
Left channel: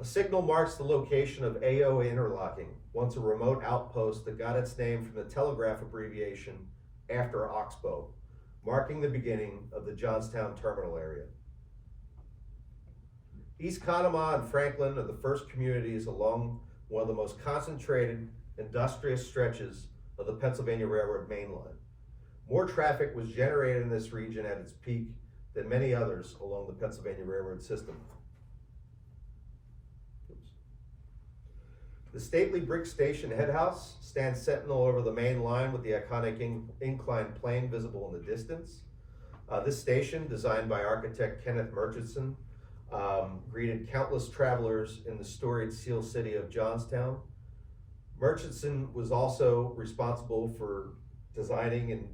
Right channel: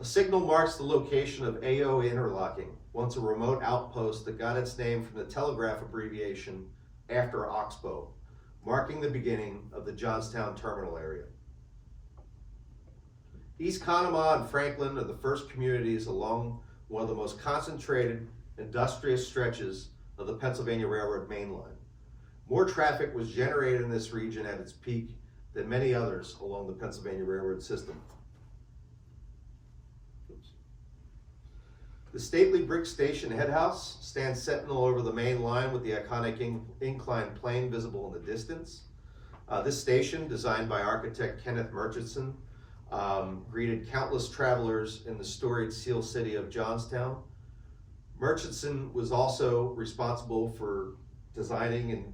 A signal marks the location of AO Interlocking, once a remote outpost that got its name from the telegraph abbreviation after Oxbow, marking the beginning of the Johnstown terminal area. East Conemaugh and Franklin are the first communities along one of the most concentrated, industrious stretches of the Pennsylvania Railroad main line. More traffic was generated in this region at its peak than many others along the Pennsylvania Railroad system. The stately brick station headhouse stands sentinel over the main line with the iconic inclined plane visible in the distance. This station, designed by architect Kenneth Murchison, greeted countless travelers in the storied Seal City of Johnstown. Murchison was also responsible for designing and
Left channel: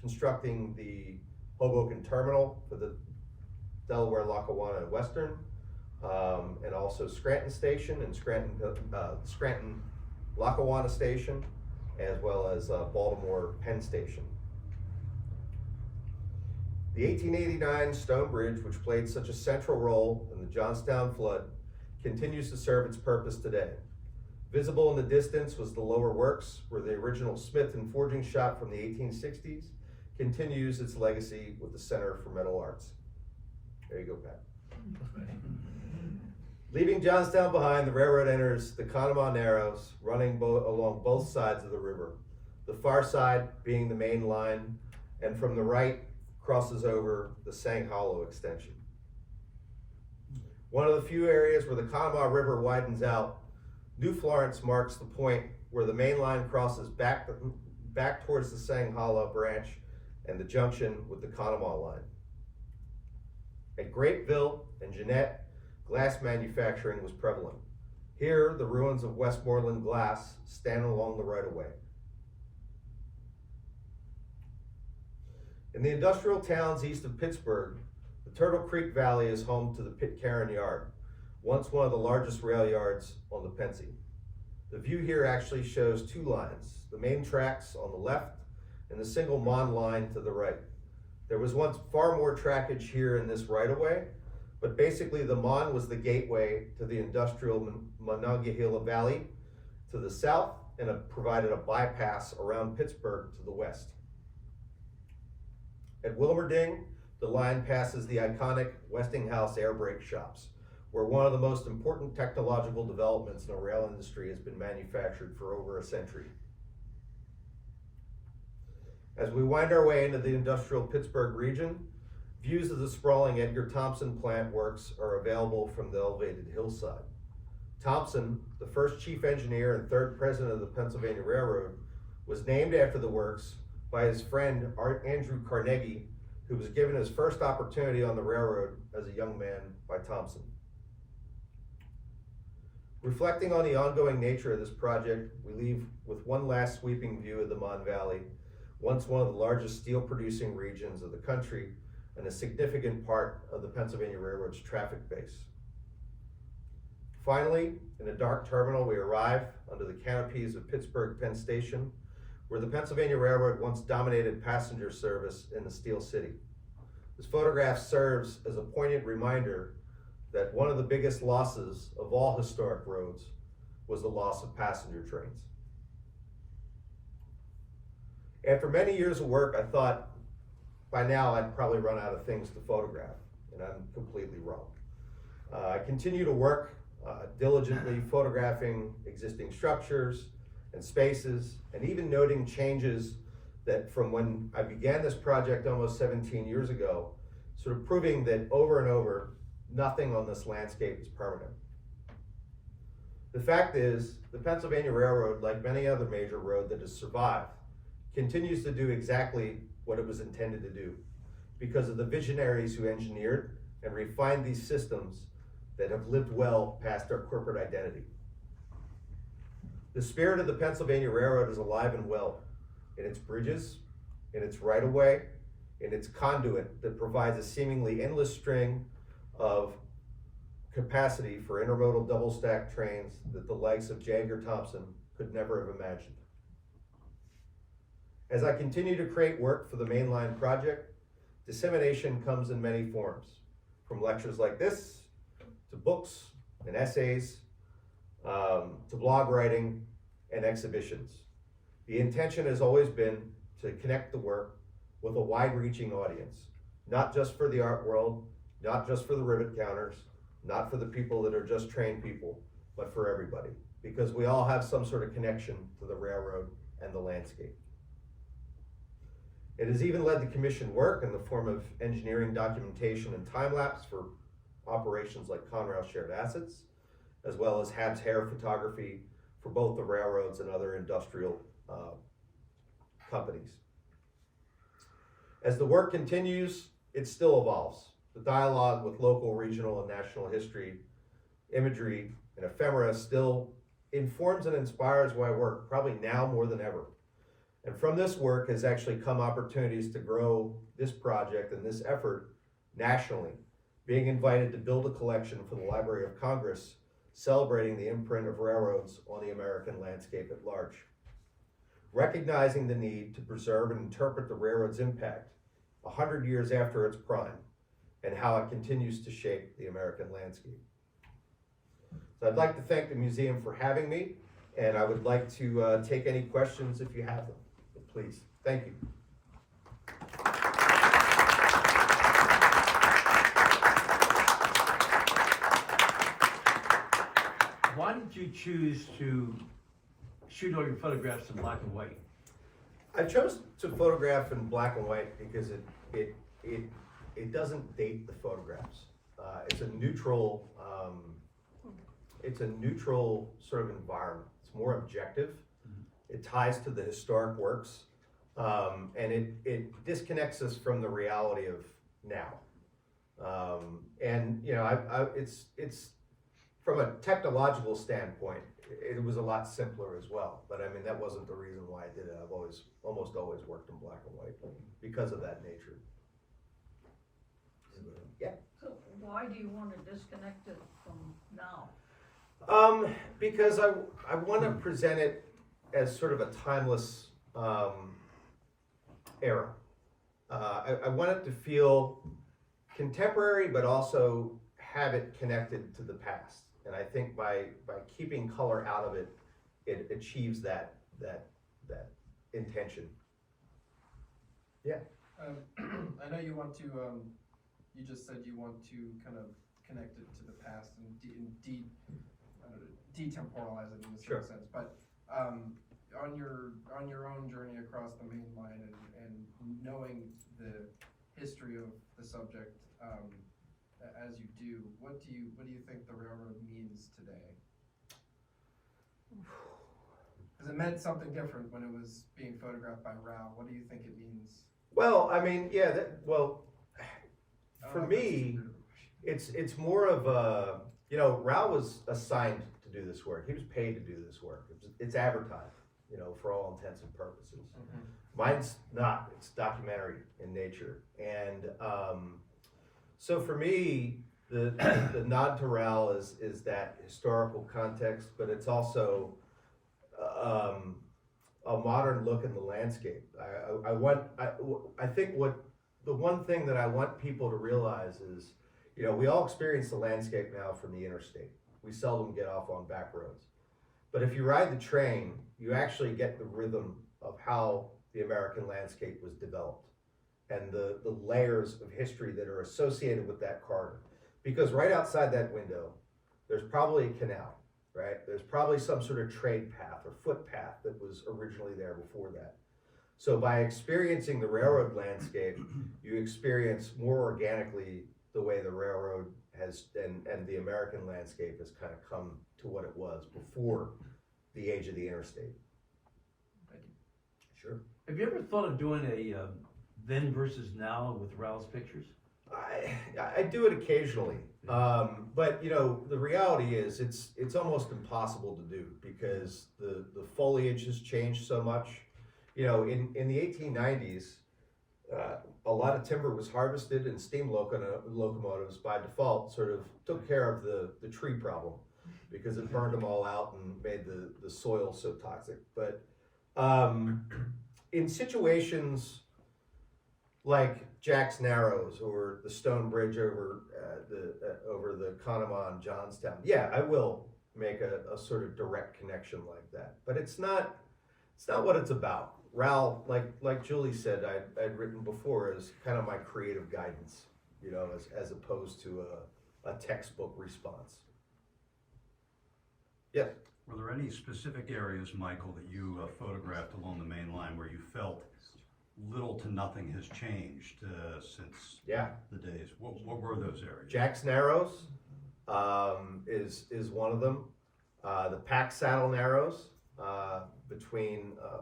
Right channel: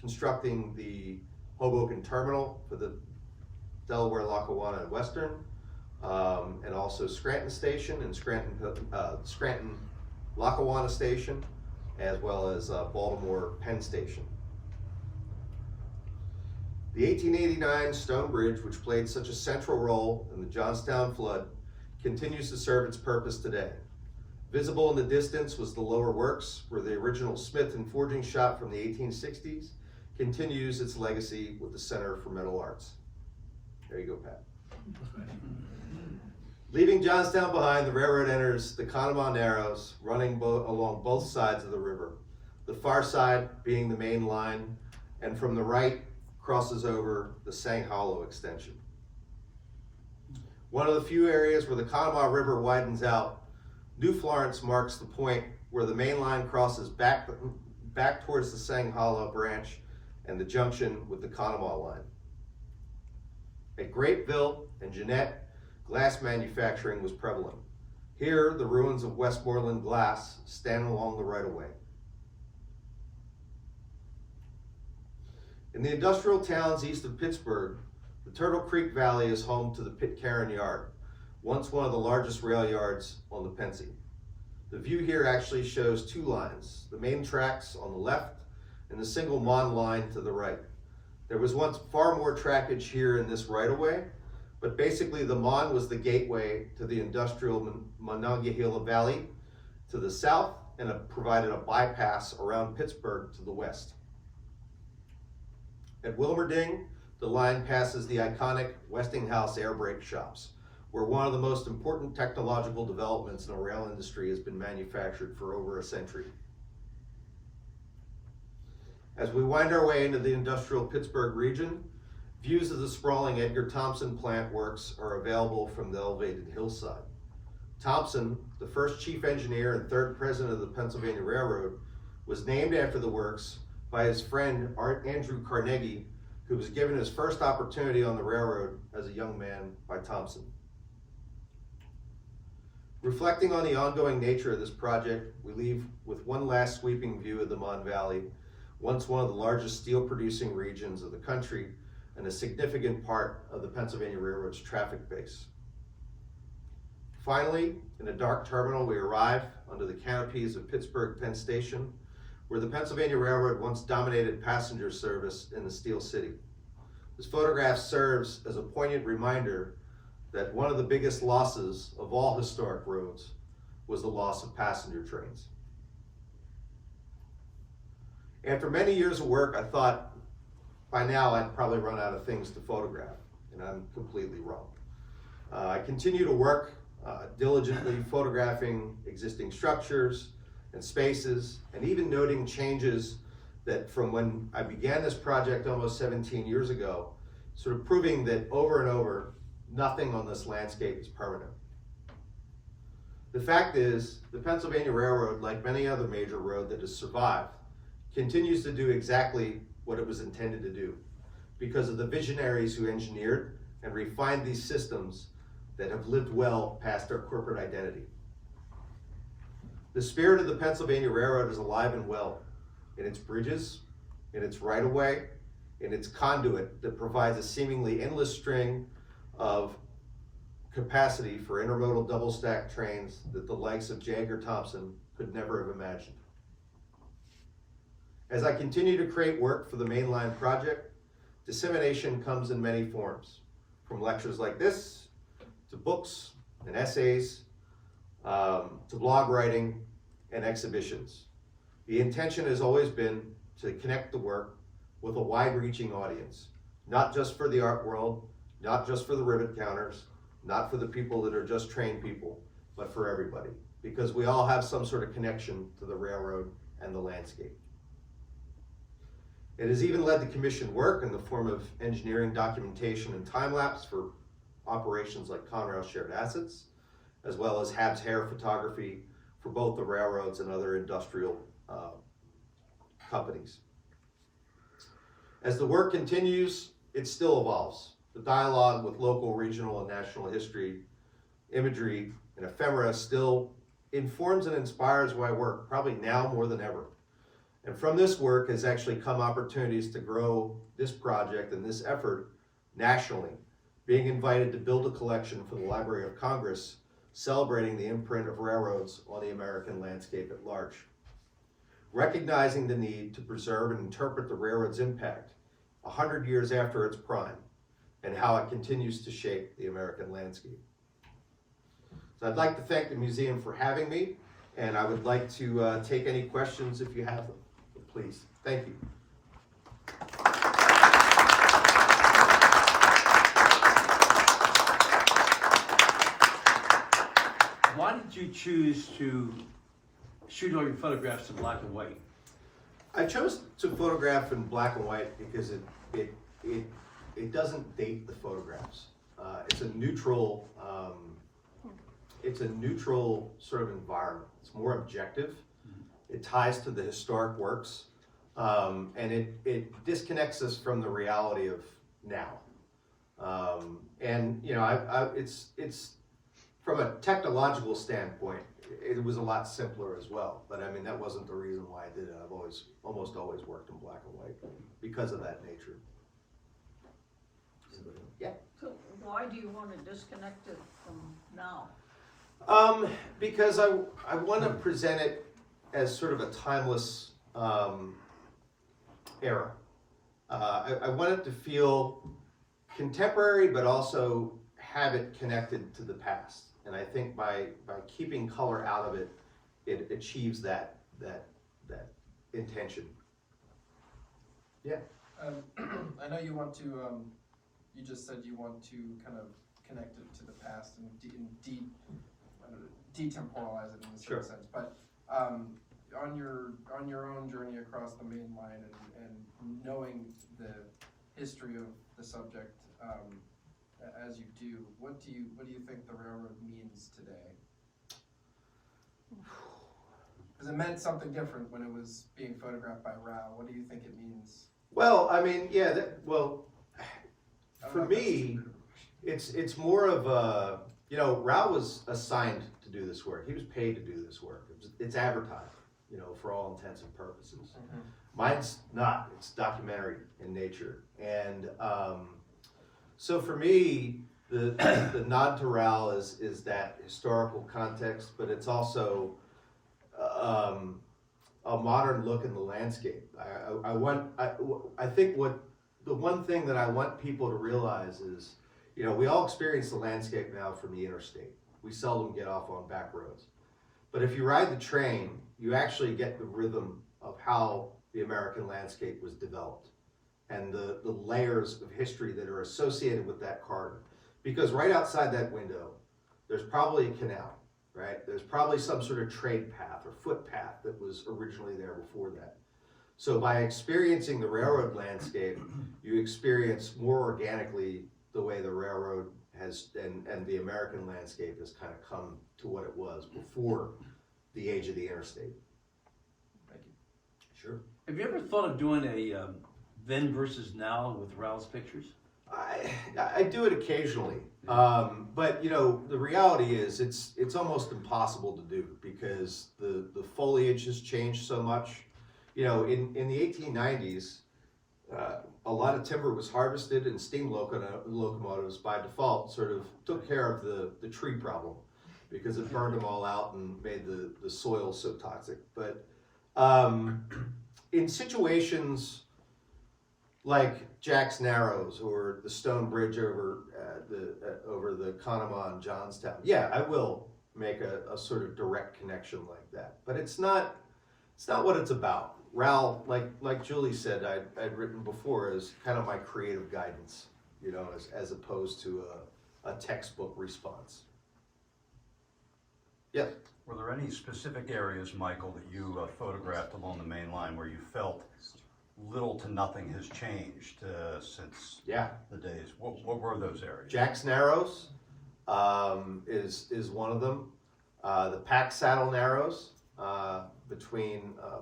constructing the Hoboken Terminal for the Delaware, Lackawanna, and Western, and also Scranton Station and Scranton Lackawanna Station, as well as Baltimore Penn Station. The 1889 stone bridge, which played such a central role in the Johnstown flood, continues to serve its purpose today. Visible in the distance was the lower works, where the original smith and forging shop from the 1860s continues its legacy with the Center for Metal Arts. There you go, Pat. Leaving Johnstown behind, the railroad enters the Conemaugh Narrows, running along both sides of the river, the far side being the main line, and from the right crosses over the Sang Hollow extension. One of the few areas where the Conemaugh River widens out, New Florence marks the point where the main line crosses back towards the Sang Hollow branch and the junction with the Conemaugh line. At Grapeville and Jeanette, glass manufacturing was prevalent. Here, the ruins of Westmoreland Glass stand along the right-of-way. In the industrial towns east of Pittsburgh, the Turtle Creek Valley is home to the Pitcairn Yard, once one of the largest rail yards on the Pennsy. The view here actually shows two lines, the main tracks on the left and the single Mon line to the right. There was once far more trackage here in this right-of-way, but basically the Mon was the gateway to the industrial Monongahela Valley to the south and provided a bypass around Pittsburgh to the west. At Wilmerding, the line passes the iconic Westinghouse air brake shops, where one of the most important technological developments in the rail industry has been manufactured for over a century. As we wind our way into the industrial Pittsburgh region, views of the sprawling Edgar Thomson plant works are available from the elevated hillside. Thomson, the first chief engineer and third president of the Pennsylvania Railroad, was named after the works by his friend Andrew Carnegie, who was given his first opportunity on the railroad as a young man by Thomson. Reflecting on the ongoing nature of this project, we leave with one last sweeping view of the Mon Valley, once one of the largest steel producing regions of the country and a significant part of the Pennsylvania Railroad's traffic base. Finally, in a dark terminal, we arrive under the canopies of Pittsburgh Penn Station, where the Pennsylvania Railroad once dominated passenger service in the Steel City. This photograph serves as a poignant reminder that one of the biggest losses of all historic roads was the loss of passenger trains. After many years of work, I thought by now I'd probably run out of things to photograph, and I'm completely wrong. I continue to work diligently photographing existing structures and spaces, and even noting changes that from when I began this project almost 17 years ago, sort of proving that over and over, nothing on this landscape is permanent. The fact is, the Pennsylvania Railroad, like many other major road that has survived, continues to do exactly what it was intended to do because of the visionaries who engineered and refined these systems that have lived well past our corporate identity. The spirit of the Pennsylvania Railroad is alive and well in its bridges, in its right-of-way, in its conduit that provides a seemingly endless string of capacity for intermodal double-stack trains that the likes of Edgar Thomson could never have imagined. As I continue to create work for the Mainline project, dissemination comes in many forms, from lectures like this, to books and essays, to blog writing and exhibitions. The intention has always been to connect the work with a wide-reaching audience, not just for the art world, not just for the rivet counters, not for the people that are just trained people, but for everybody, because we all have some sort of connection to the railroad and the landscape. It has even led to commissioned work in the form of engineering documentation and time-lapse for operations like Conrail Shared Assets, as well as Habs hair photography for both the railroads and other industrial companies. As the work continues, it still evolves. The dialogue with local, regional, and national history, imagery, and ephemera still informs and inspires my work, probably now more than ever. And from this work has actually come opportunities to grow this project and this effort nationally, being invited to build a collection for the Library of Congress, celebrating the imprint of railroads on the American landscape at large. Recognizing the need to preserve and interpret the railroad's impact 100 years after its prime, and how it continues to shape the American landscape. So I'd like to thank the museum for having me, and I would like to take any questions if you have them. Please, thank you. Why did you choose to shoot all your photographs in black and white? I chose to photograph in black and white because it doesn't date the photographs. It's a neutral sort of environment. It's more objective. It ties to the historic works, and it disconnects us from the reality of now. And you know, it's from a technological standpoint, it was a lot simpler as well. But I mean, that wasn't the reason why I did it. I've almost always worked in black and white because of that nature. Yeah. So why do you want to disconnect it from now? Because I want to present it as sort of a timeless era. I want it to feel contemporary, but also have it connected to the past. And I think by keeping color out of it, it achieves that intention. Yeah. I know you want to, you just said you want to kind of connect it to the past and detemporalize it in a Sure. certain sense. But on your own journey across the main line and knowing the history of the subject as you do, what do you think the railroad means today? Because it meant something different when it was being photographed by Rao. What do you think it means? Well, I mean, yeah, for I don't know if me, that's it's more of a, you know, Rao was assigned to do this work. He was paid to do this work. It's advertised, you know, for all intents and purposes. Mine's not. It's documentary in nature. And so for me, the nod to Rao is that historical context, but it's also a modern look in the landscape. I think the one thing that I want people to realize is, you know, we all experience the landscape now from the interstate. We seldom get off on back roads. But if you ride the train, you actually get the rhythm of how the American landscape was developed and the layers of history that are associated with that corridor. Because right outside that window, there's probably a canal, right? There's probably some sort of trade path or footpath that was originally there before that. So by experiencing the railroad landscape, you experience more organically the way the railroad has and the American landscape has kind of come to what it was before the age of the interstate. Thank you. Sure. Have you ever thought of doing a then versus now with Raoul's pictures? I do it occasionally, but you know the reality is it's almost impossible to do because the foliage has changed so much. You know, in the 1890s, a lot of timber was harvested, and steam locomotives by default sort of took care of the tree problem because it burned them all out and made the soil so toxic. But in situations like Jack's Narrows or the stone bridge over the Conemaugh in Johnstown, yeah, I will make a sort of direct connection like that. But it's not what it's about. Raoul, like Julie said, I'd written before, is kind of my creative guidance, you know, as opposed to a textbook response. Yes. Were there any specific areas, Michael, that you photographed along the main line where you felt little to nothing has changed since the days? What were those areas? Jack's Narrows is one of them. The Pack Saddle Narrows between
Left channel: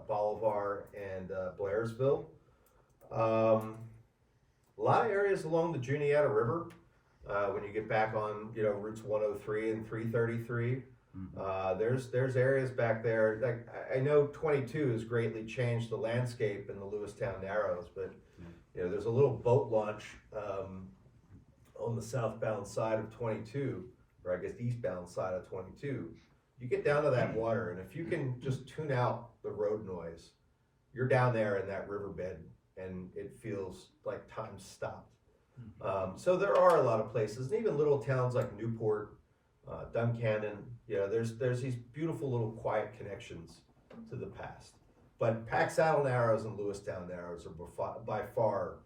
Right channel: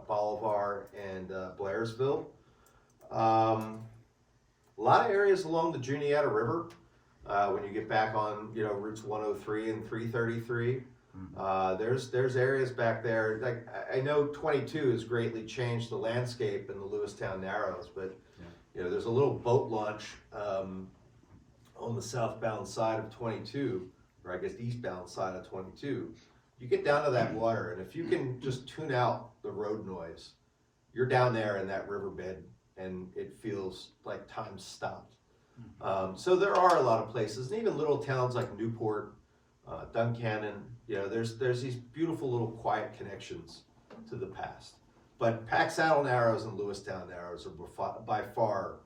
Bolivar and Blairsville. A lot of areas along the Juniata River when you get back on, you know, routes 103 and 333. There's areas back there, like I know 22 has greatly changed the landscape in the Lewistown Narrows, but you know there's a little boat launch on the southbound side of 22, or I guess the eastbound side of 22. You get down to that water, and if you can just tune out the road noise, you're down there in that riverbed, and it feels like time stopped. So there are a lot of places, and even little towns like Newport, Duncannon. You know, there's these beautiful little quiet connections to the past. But Pack Saddle Narrows and Lewistown Narrows are by far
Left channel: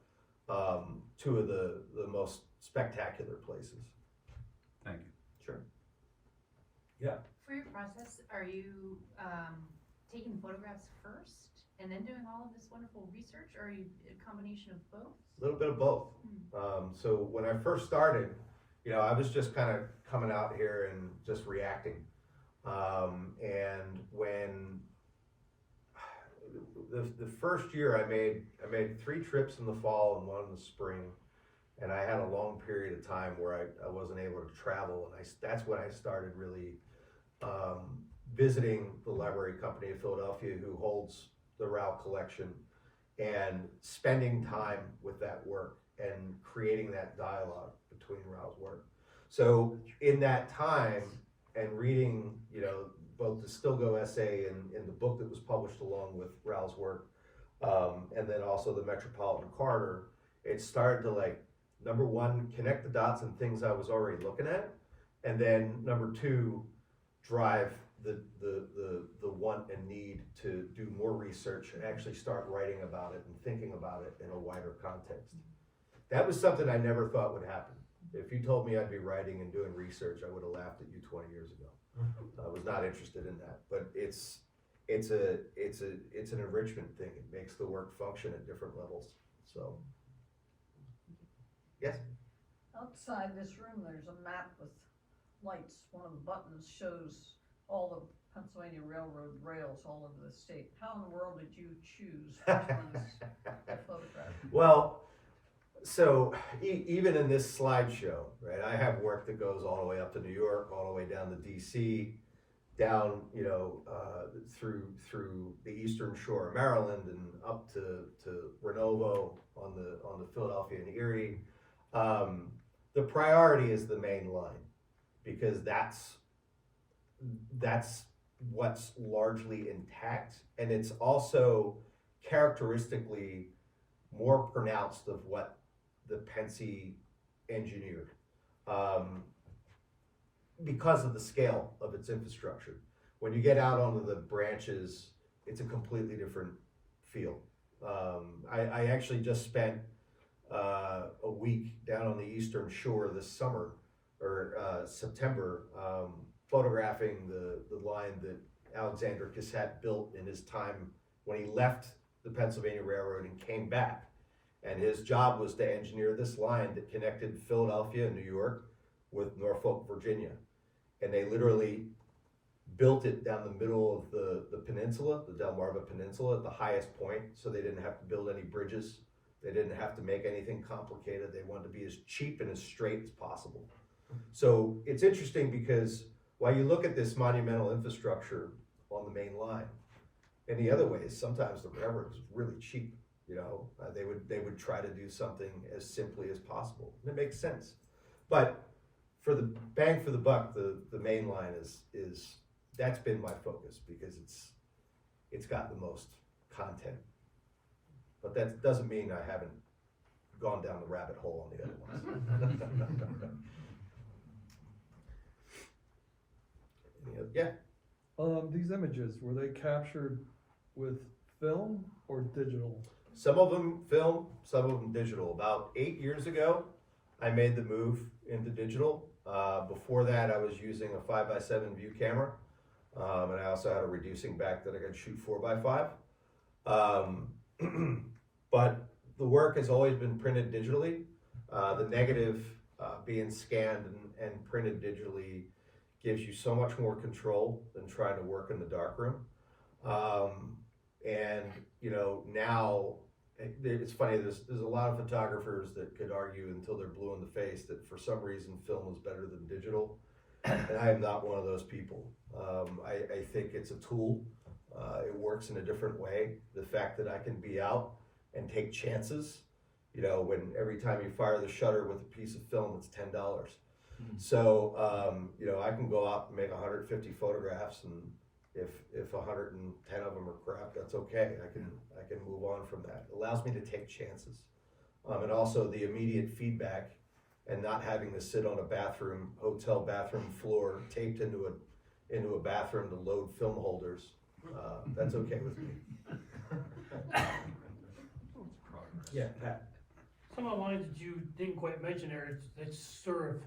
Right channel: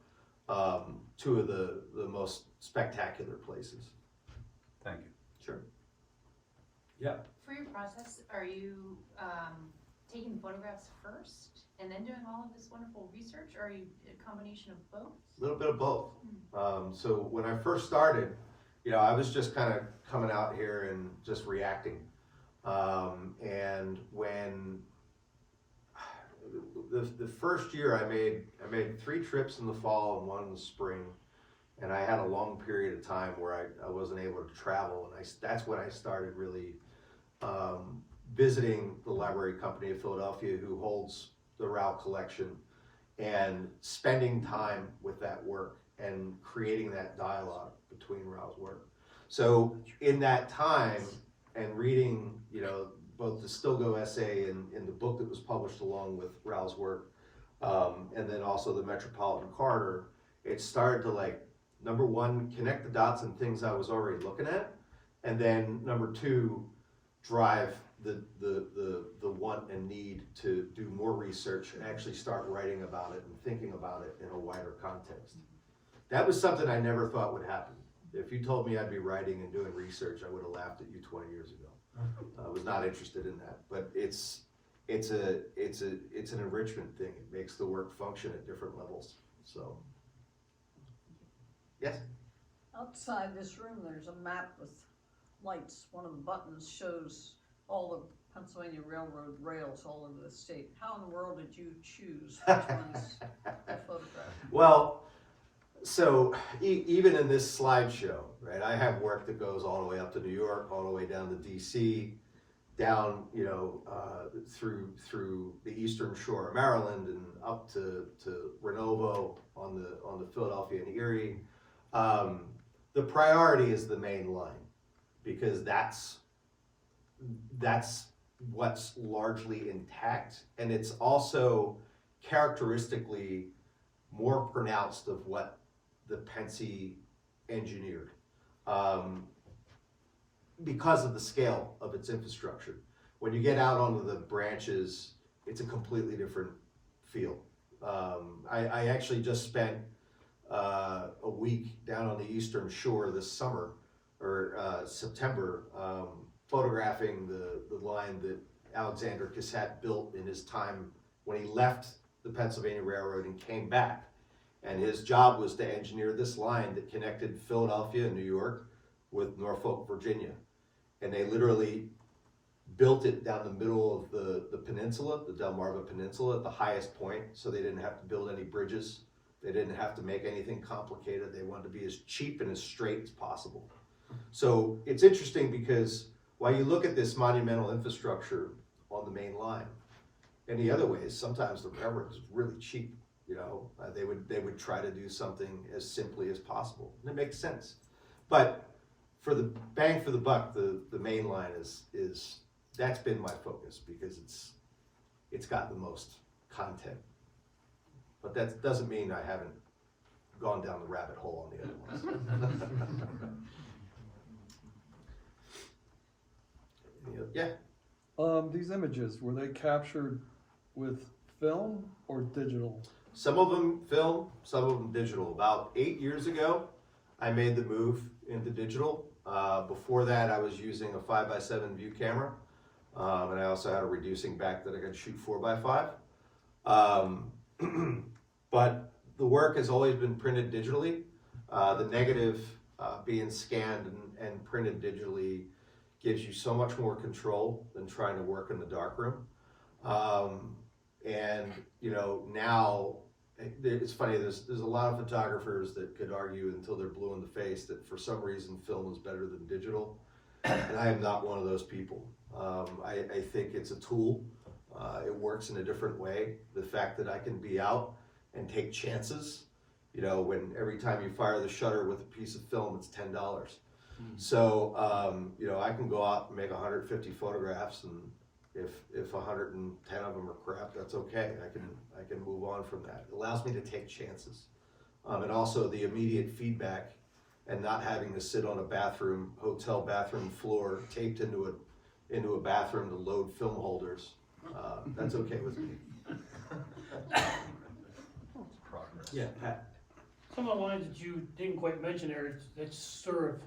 two of the most spectacular places. Thank you. Sure. For your process, are you taking photographs first and then doing all of this wonderful research, or are you a combination of both? A little bit of both. So when I first started, you know, I was just kind of coming out here and just reacting. And when the first year I made 3 trips in the fall and 1 in the spring, and I had a long period of time where I wasn't able to travel, and that's when I started really visiting the Library Company of Philadelphia, who holds the Rao collection, and spending time with that work and creating that dialogue between Rao's work. So in that time and reading, you know, both the Stilgo essay and the book that was published along with Rao's work, and then also the Metropolitan Corridor, it started to, like, number one, connect the dots and things I was already looking at, and then number 2, drive the want and need to do more research and actually start writing about it and thinking about it in a wider context. That was something I never thought would happen. If you told me I'd be writing and doing research, I would have laughed at you 20 years ago. I was not interested in that, but it's an enrichment thing. It makes the work function at different levels. So, yes. Outside this room, there's a map with lights. One of the buttons shows all the Pennsylvania Railroad rails all over the state. How in the world did you choose which ones to photograph? Well, so even in this slideshow, right, I have work that goes all the way up to New York, all the way down to DC, down, through the eastern shore of Maryland and up to Renovo on the Philadelphia and Erie. The priority is the main line because that's what's largely intact, and it's also characteristically more pronounced of what the Pennsy engineered because of the scale of its infrastructure. When you get out onto the branches, it's a completely different feel. I actually just spent a week down on the eastern shore this summer, or September, photographing the line that Alexander Cassett built in his time when he left the Pennsylvania Railroad and came back. And his job was to engineer this line that connected Philadelphia and New York with Norfolk, Virginia. And they literally built it down the middle of the peninsula, the Delmarva Peninsula, at the highest point, so they didn't have to build any bridges. They didn't have to make anything complicated. They wanted to be as cheap and as straight as possible. So it's interesting because while you look at this monumental infrastructure on the main line, in the other ways, sometimes the railroad is really cheap. They would try to do something as simply as possible, and it makes sense. But for the bang for the buck, the main line is that's been my focus because it's got the most content. But that doesn't mean I haven't gone down the rabbit hole on the other ones. Yeah. These images, were they captured with film or digital? Some of them film, some of them digital. About 8 years ago, I made the move into digital. Before that, I was using a 5x7 view camera, and I also had a reducing back that I could shoot 4x5. But the work has always been printed digitally. The negative being scanned and printed digitally gives you so much more control than trying to work in the darkroom. And now it's funny. There's a lot of photographers that could argue until they're blue in the face that for some reason film is better than digital, and I am not one of those people. I think it's a tool. It works in a different way. The fact that I can be out and take chances, when every time you fire the shutter with a piece of film, it's $10. So I can go out and make 150 photographs, and if 110 of them are crap, that's okay. I can move on from that. It allows me to take chances, and also the immediate feedback, and not having to sit on a hotel bathroom floor taped into a bathroom to load film holders. That's okay with me. Progress. Yeah, Pat. Some of the lines that you didn't quite mention there, it's sort of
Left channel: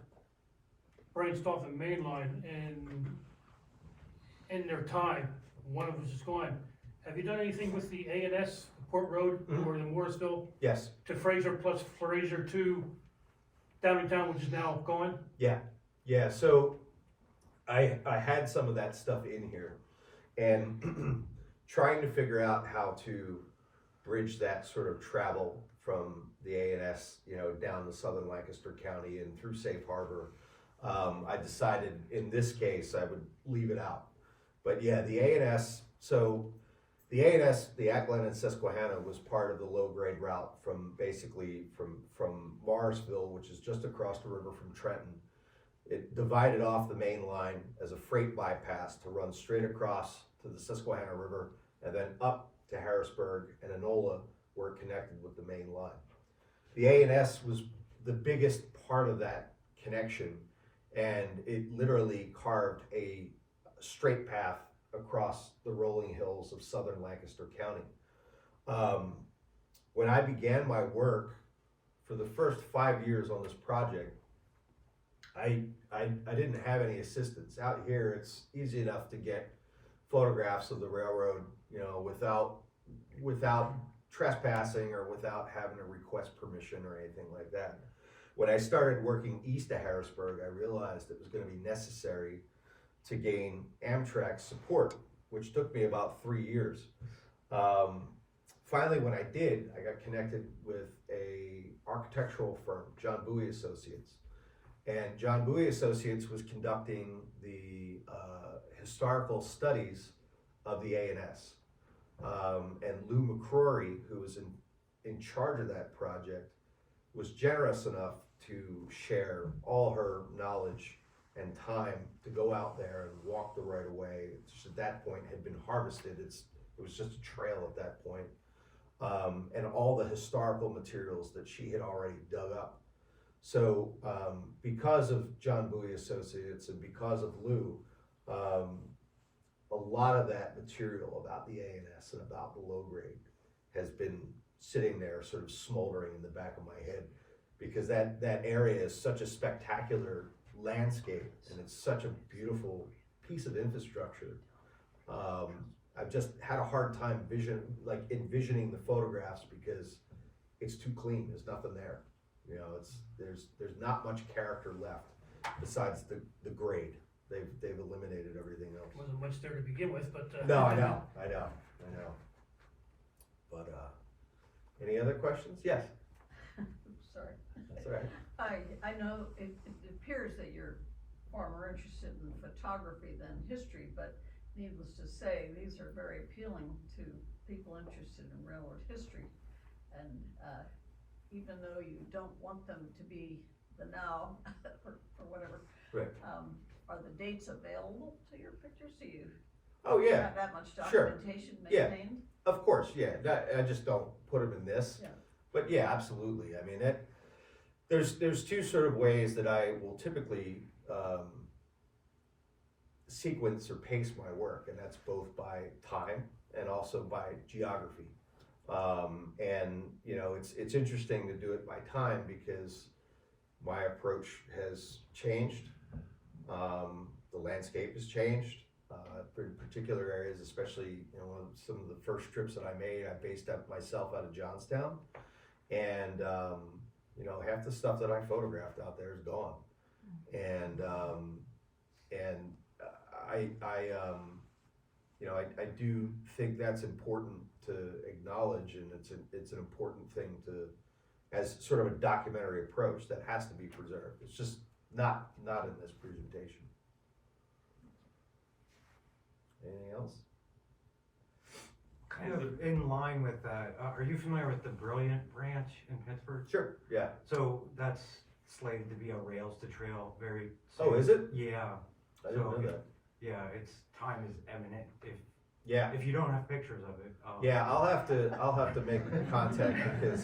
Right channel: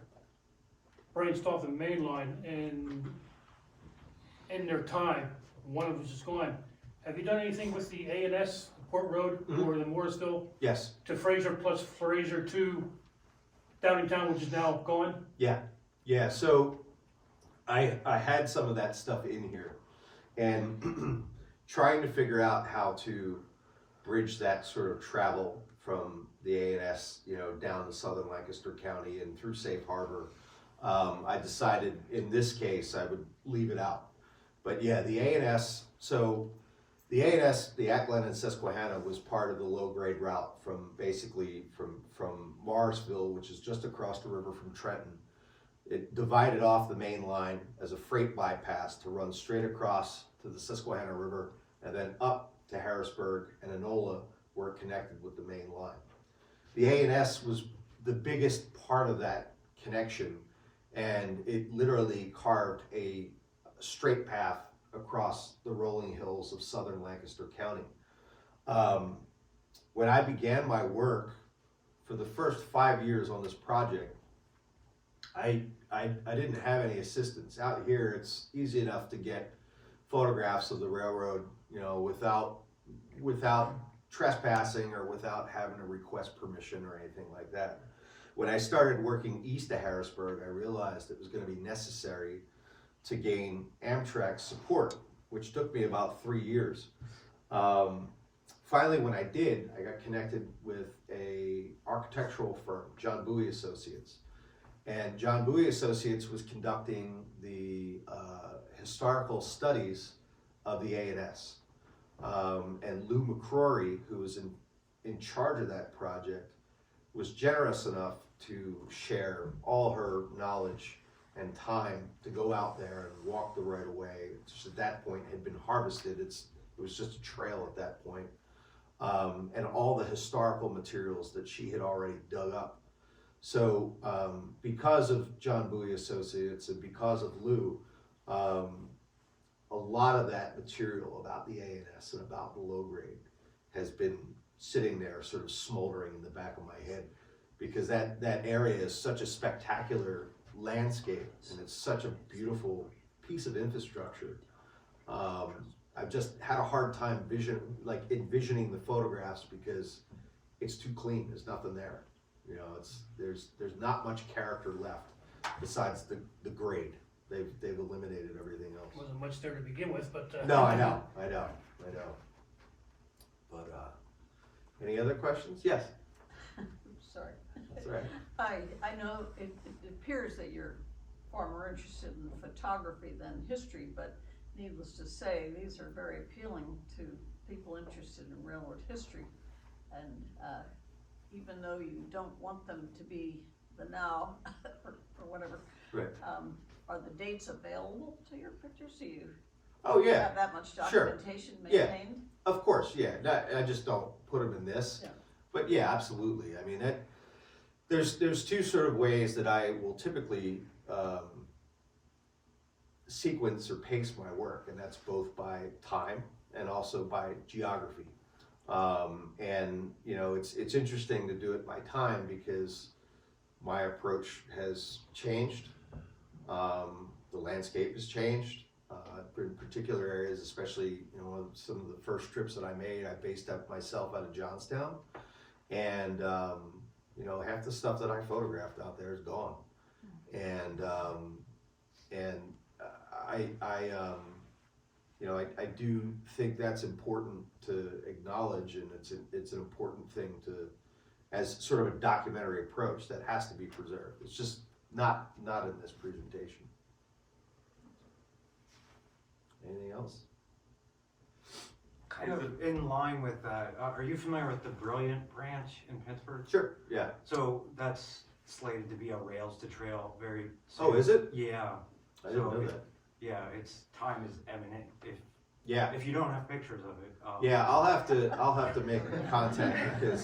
branched off the main line, and in their time, one of us is gone. Have you done anything with the A&S, Port Road, or the Mooresville Yes. to Fraser plus Fraser to Downingtown, which is now gone? Yeah. So I had some of that stuff in here, and trying to figure out how to bridge that sort of travel from the A&S, down to southern Lancaster County and through Safe Harbor. I decided in this case I would leave it out. But yeah, the A&S, the Ackland and Susquehanna was part of the low grade route from Morrisville, which is just across the river from Trenton. It divided off the main line as a freight bypass to run straight across to the Susquehanna River and then up to Harrisburg and Enola, where it connected with the main line. The A&S was the biggest part of that connection, and it literally carved a straight path across the rolling hills of southern Lancaster County. When I began my work for the first 5 years on this project, I didn't have any assistance. Out here, it's easy enough to get photographs of the railroad, you know, without trespassing or without having to request permission or anything like that. When I started working east of Harrisburg, I realized it was going to be necessary to gain Amtrak support, which took me about 3 years. Finally, when I did, I got connected with a architectural firm, John Bowie Associates. And John Bowie Associates was conducting the historical studies of the A&S. And Lou McCrory, who was in charge of that project, was generous enough to share all her knowledge and time to go out there and walk the right of way, which at that point had been harvested. It was just a trail at that point. And all the historical materials that she had already dug up. So because of John Bowie Associates and because of Lou, a lot of that material about the A&S and about the low grade has been sitting there sort of smoldering in the back of my head, because that area is such a spectacular landscape and it's such a beautiful piece of infrastructure. I've just had a hard time envisioning the photographs because it's too clean. There's nothing there. You know, there's not much character left besides the grade. They've eliminated everything else. Wasn't much there to begin with, but. No, I know. But any other questions? Yes. Sorry. That's all right. I know it appears that you're far more interested in photography than history, but needless to say, these are very appealing to people interested in railroad history. And even though you don't want them to be the now or whatever, Right. Are the dates available to your pictures? Do you Oh yeah. have that much Sure. documentation Yeah. maintained? Of course, yeah. I just don't put them in this. Yeah. But yeah, absolutely. I mean, there's two sort of ways that I will typically sequence or pace my work, and that's both by time and also by geography. And you know, it's interesting to do it by time because my approach has changed. The landscape has changed. In particular areas, especially, you know, some of the first trips that I made, I based myself out of Johnstown, and you know, half the stuff that I photographed out there is gone, and I do think that's important to acknowledge, and it's an important thing to, as sort of a documentary approach that has to be preserved. It's just not in this presentation. Anything else? Kind of in line with that, are you familiar with the Brilliant branch in Pittsburgh? Sure. Yeah. So that's slated to be a rails to trail very soon. Oh, is it? Yeah. I didn't So know that. Yeah, its time is imminent Yeah. if you don't have pictures of it. Yeah, I'll have to make contact because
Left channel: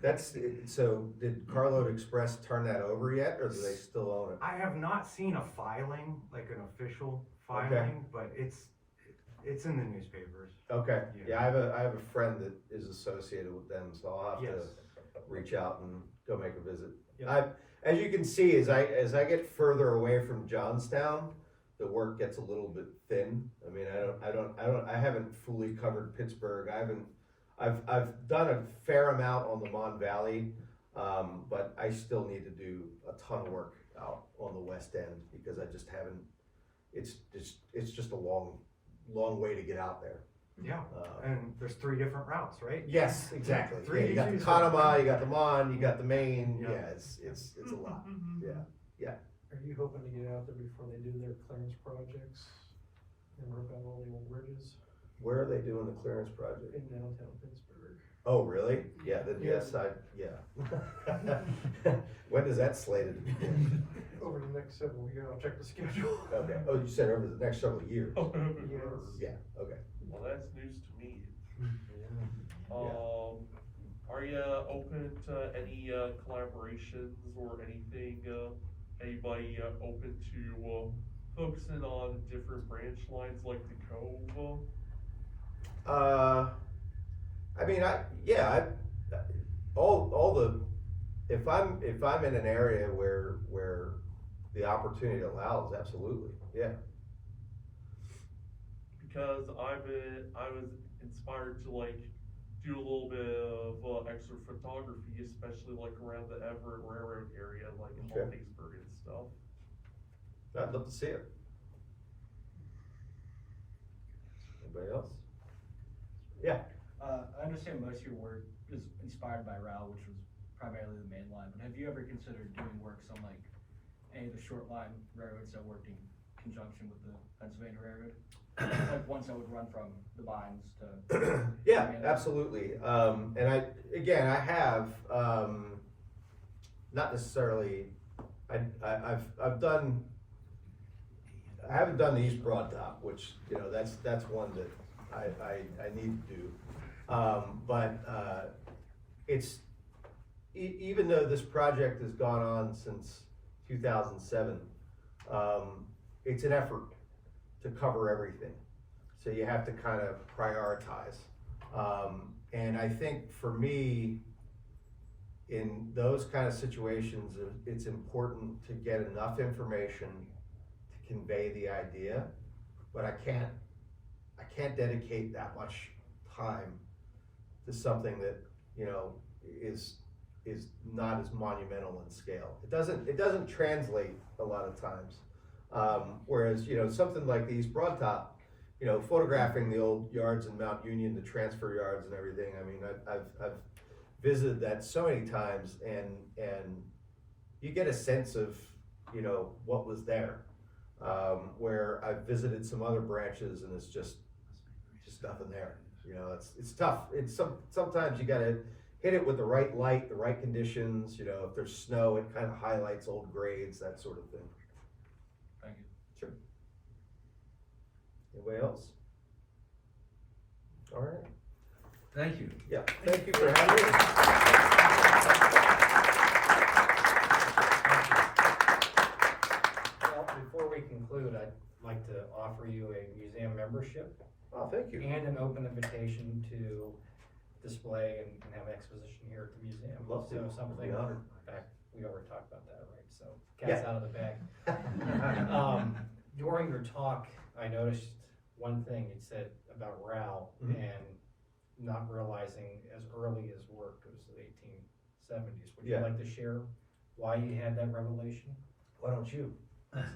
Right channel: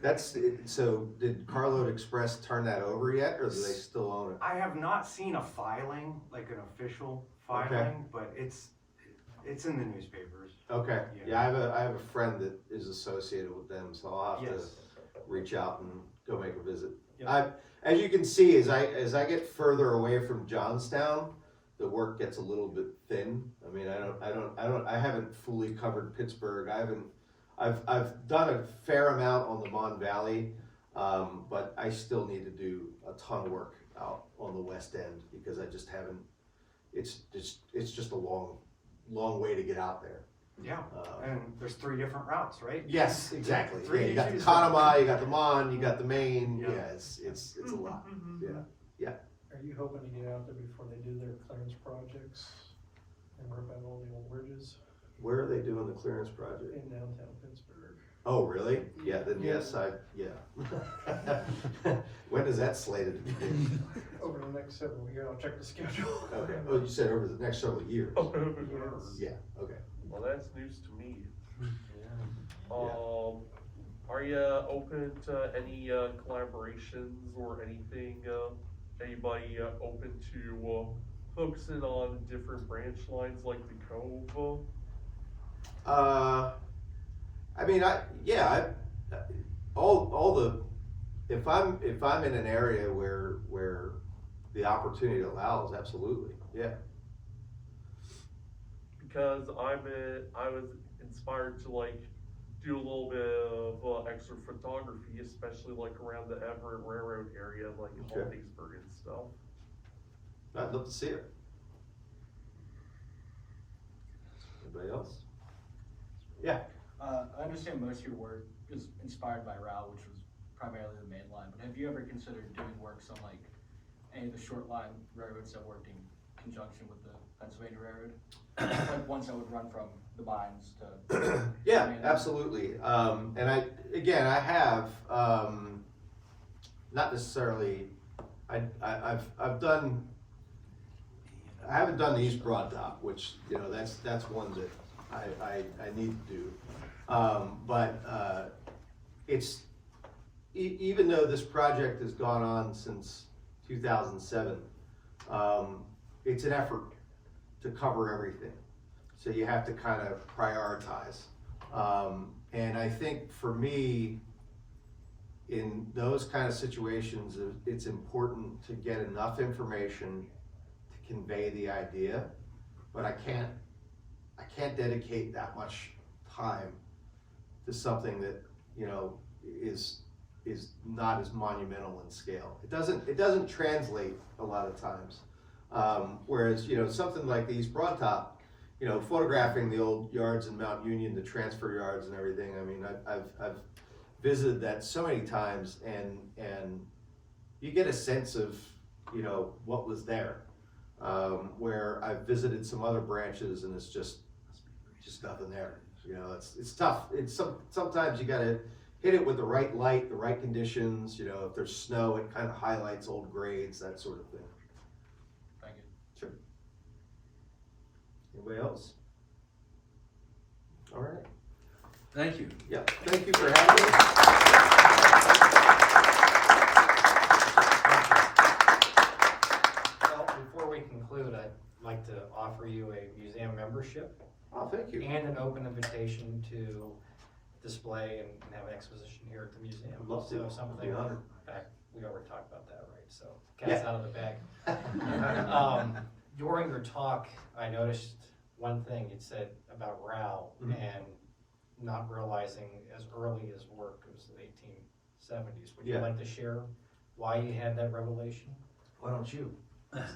that's it. So did Carload Express turn that over yet, or do they still own it? I have not seen a filing, like an official filing, Okay. but it's in the newspapers. Okay. Yeah. Yeah, I have a friend that is associated with them, so I'll have Yes. to reach out and go make a visit. Yeah. As you can see, as I get further away from Johnstown, the work gets a little bit thin. I mean, I haven't fully covered Pittsburgh. I've done a fair amount on the Mon Valley, but I still need to do a ton of work out on the West End because I just haven't. It's just a long way to get out there. Yeah, and there's 3 different routes, right? Yes, exactly. Three Yeah, you got the issues. Conemaugh, you got the Mon, you got the Main. Yeah. Yeah, it's a lot. Yeah. Are you hoping to get out there before they do their clearance projects and rip out all the old bridges Where are they doing the clearance project? in downtown Pittsburgh? Oh, really? Yeah. Then yes, When is that slated to begin? Over the next 7 weeks, I'll check the schedule. Okay. Oh, you said over the next several years. Yes. Yeah. Okay. Well, that's news to me. Yeah. Are you open to any collaborations or anything? Anybody open to focusing on different branch lines like the Cove? I mean, all the, if I'm in an area where the opportunity allows, absolutely, yeah. Because I was inspired to like do a little bit of extra photography, especially like around the Everett Railroad area, like in Okay. Hollingsburg and stuff. I'd love to see it. Anybody else? Yeah. I understand most of your work is inspired by RAL, which was primarily the main line, but have you ever considered doing works on like any of the short line railroads that worked in conjunction with the Pennsylvania Railroad? Like ones that would run from the mines to. Yeah, absolutely. And I have, not necessarily, I haven't done the East Broad Dock, which, you know, that's one that I need to do. But it's, even though this project has gone on since 2007, it's an effort to cover everything. So you have to kind of prioritize. And I think for me, in those kind of situations, it's important to get enough information to convey the idea, but I can't dedicate that much time to something that, you know, is not as monumental in scale. It doesn't translate a lot of times. Whereas, you know, something like the East Broad Top, you know, photographing the old yards in Mount Union, the transfer yards and everything. I mean, I've visited that so many times, and you get a sense of, you know, what was there. Where I've visited some other branches, and it's just nothing there. You know, it's tough. Sometimes you gotta hit it with the right light, the right conditions. You know, if there's snow, it kind of highlights old grades, that sort of thing. Thank you. Sure. Anybody else? All right. Thank you. Yeah, thank you for having me. Well, before we conclude, I'd like to offer you a museum membership Oh, thank you. and an open invitation to display and have an exposition here at the museum. I'd love to. So I'd something, be honored. in fact, we already talked about that, right? So Yeah. cat's out of the bag. During your talk, I noticed one thing you said about RAL Mhm. and not realizing as early as work as the 1870s. Would you Yeah. like to share why you had that revelation? Why don't you?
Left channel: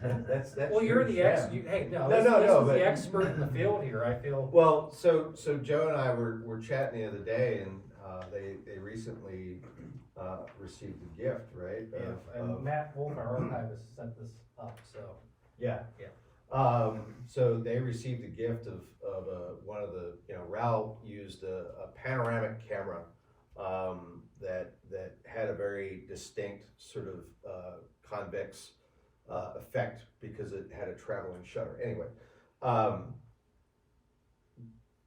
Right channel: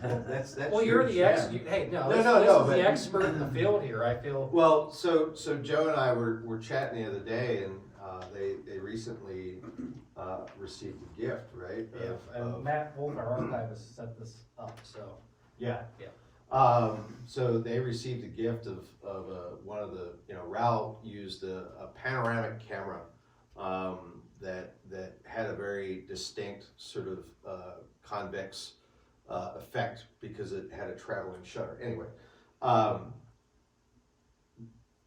That's Well, you're the yeah. hey, no, No, this, no, this no, is but- the expert in the field here. I feel. Well, so Joe and I were chatting the other day, and they recently received a gift, right? Yeah, and Matt Wolf, our archivist, set this up. So Yeah. Yeah. So they received a gift of one of the, you know, Raoul used a panoramic camera that had a very distinct sort of convex effect because it had a traveling shutter. Anyway,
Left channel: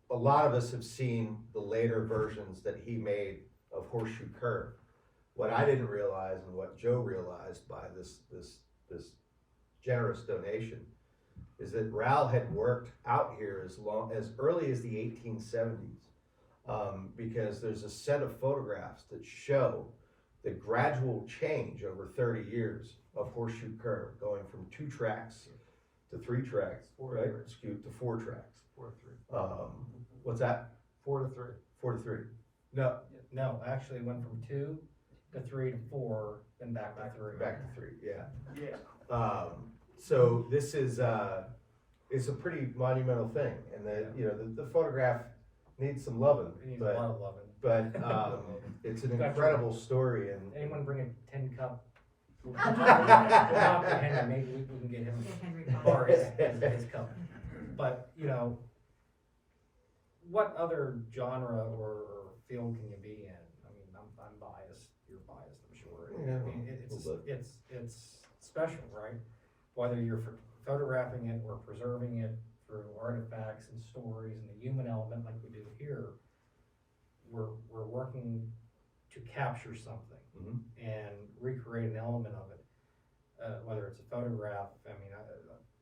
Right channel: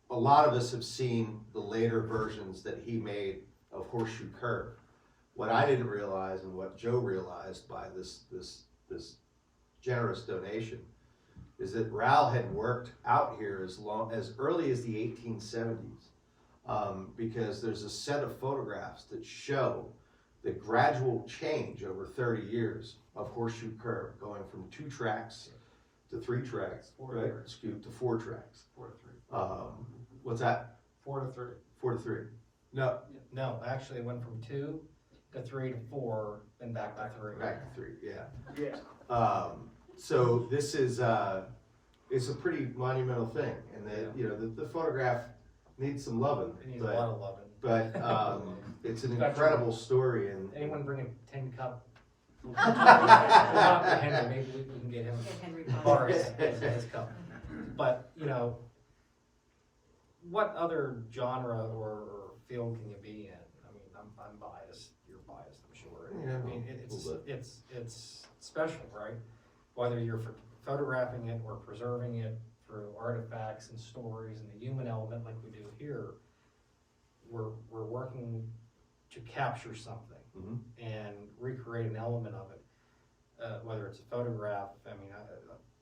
a lot of us have seen the later versions that he made of Horseshoe Curve. What I didn't realize, and what Joe realized by this generous donation, is that Raoul had worked out here as early as the 1870s, because there's a set of photographs that show the gradual change over 30 years of Horseshoe Curve, going from 2 tracks to 3 tracks, right? Excuse, to 4 tracks. 4 to 3. What's that? 4 to 3. 4 to 3. No, No, actually, it went from 2 to 3 to 4, then back to 3. back to 3. Yeah. Yeah. So this is it's a pretty monumental thing, and the photograph needs some loving, It needs a lot of loving. but it's an incredible story. And Anyone bring a tin cup? We'll talk to Henry, maybe we can get him Get Henry to Bond. borrow his cup. But, you know, what other genre or field can you be in? I mean, I'm biased, you're biased, I'm sure. Yeah, I mean, it's special, right? Whether you're photographing it or preserving it through artifacts and stories and the human element like we do here, we're working to capture something Mhm. and recreate an element of it. Whether it's a photograph, I mean,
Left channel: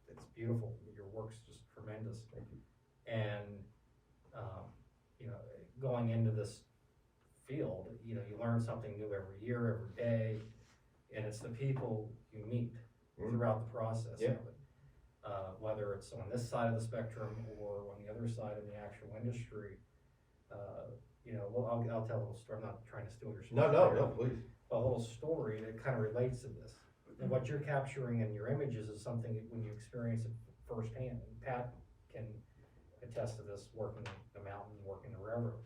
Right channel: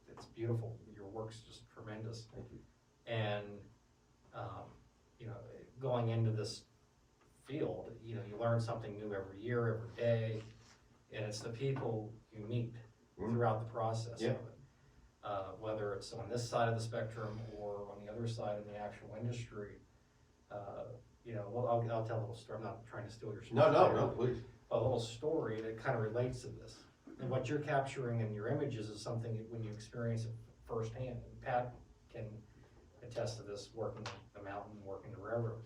it's beautiful. Your work's just tremendous. Thank you. And, you know, going into this field, you know, you learn something new every year, every day, and it's the people you meet throughout the process of it. Whether it's on this side of the spectrum or on the other side in the actual industry, you know, well, I'll tell a little story. I'm not trying to steal your story. No, please. A little story that kind of relates to this. And what you're capturing in your images is something that when you experience it firsthand. And Pat can attest to this, working the mountain, working the railroad,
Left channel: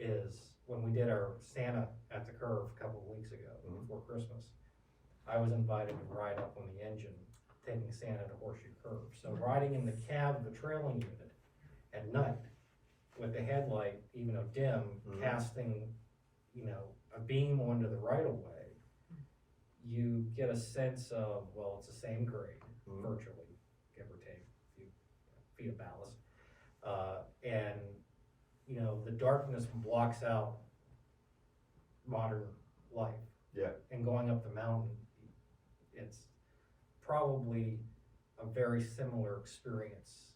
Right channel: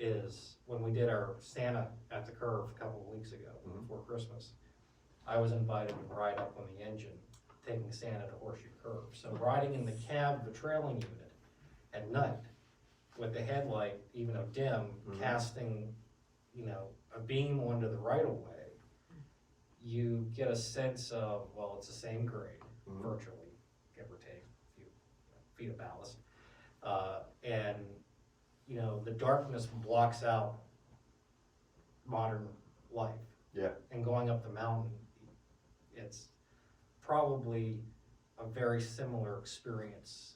is when we did our Santa at the Curve a couple of weeks ago, before Christmas, I was invited to ride up on the engine, taking Santa to Horseshoe Curve. So riding in the cab of the trailing unit at night, with the headlight, even though dim, casting, you know, a beam onto the right of way, you get a sense of, well, it's the same grade, virtually, give or take a few feet of ballast. And, you know, the darkness blocks out modern life. Yeah. And going up the mountain, it's probably a very similar experience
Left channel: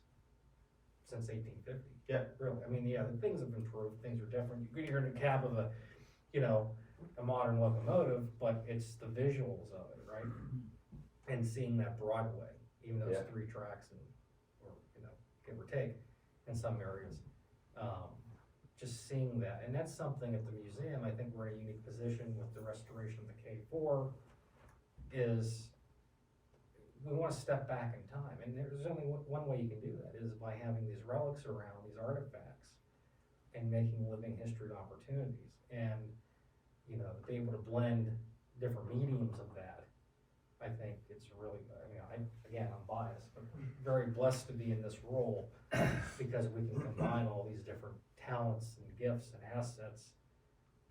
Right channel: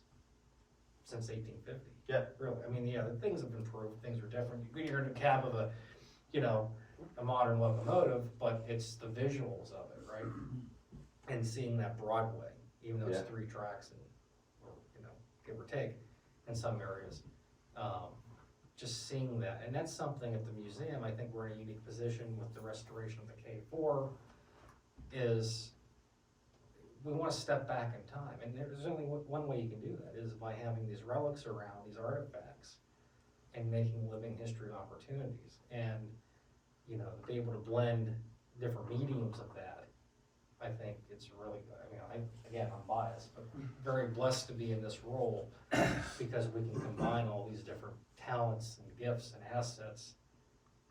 since 1850. Yeah. Really, I mean, yeah, the things have improved, things are different. You're in the cab of a, you know, a modern locomotive, but it's the visuals of it, right? And seeing that Broadway, even though it's 3 tracks and, you know, give or take, in some areas. Just seeing that, and that's something at the museum, I think we're in a unique position with the restoration of the K4, is we want to step back in time, and there's only one way you can do that, is by having these relics around, these artifacts, and making living history opportunities, and, you know, be able to blend different mediums of that. I think it's really, I mean, again, I'm biased, but very blessed to be in this role, because we can combine all these different talents and gifts and assets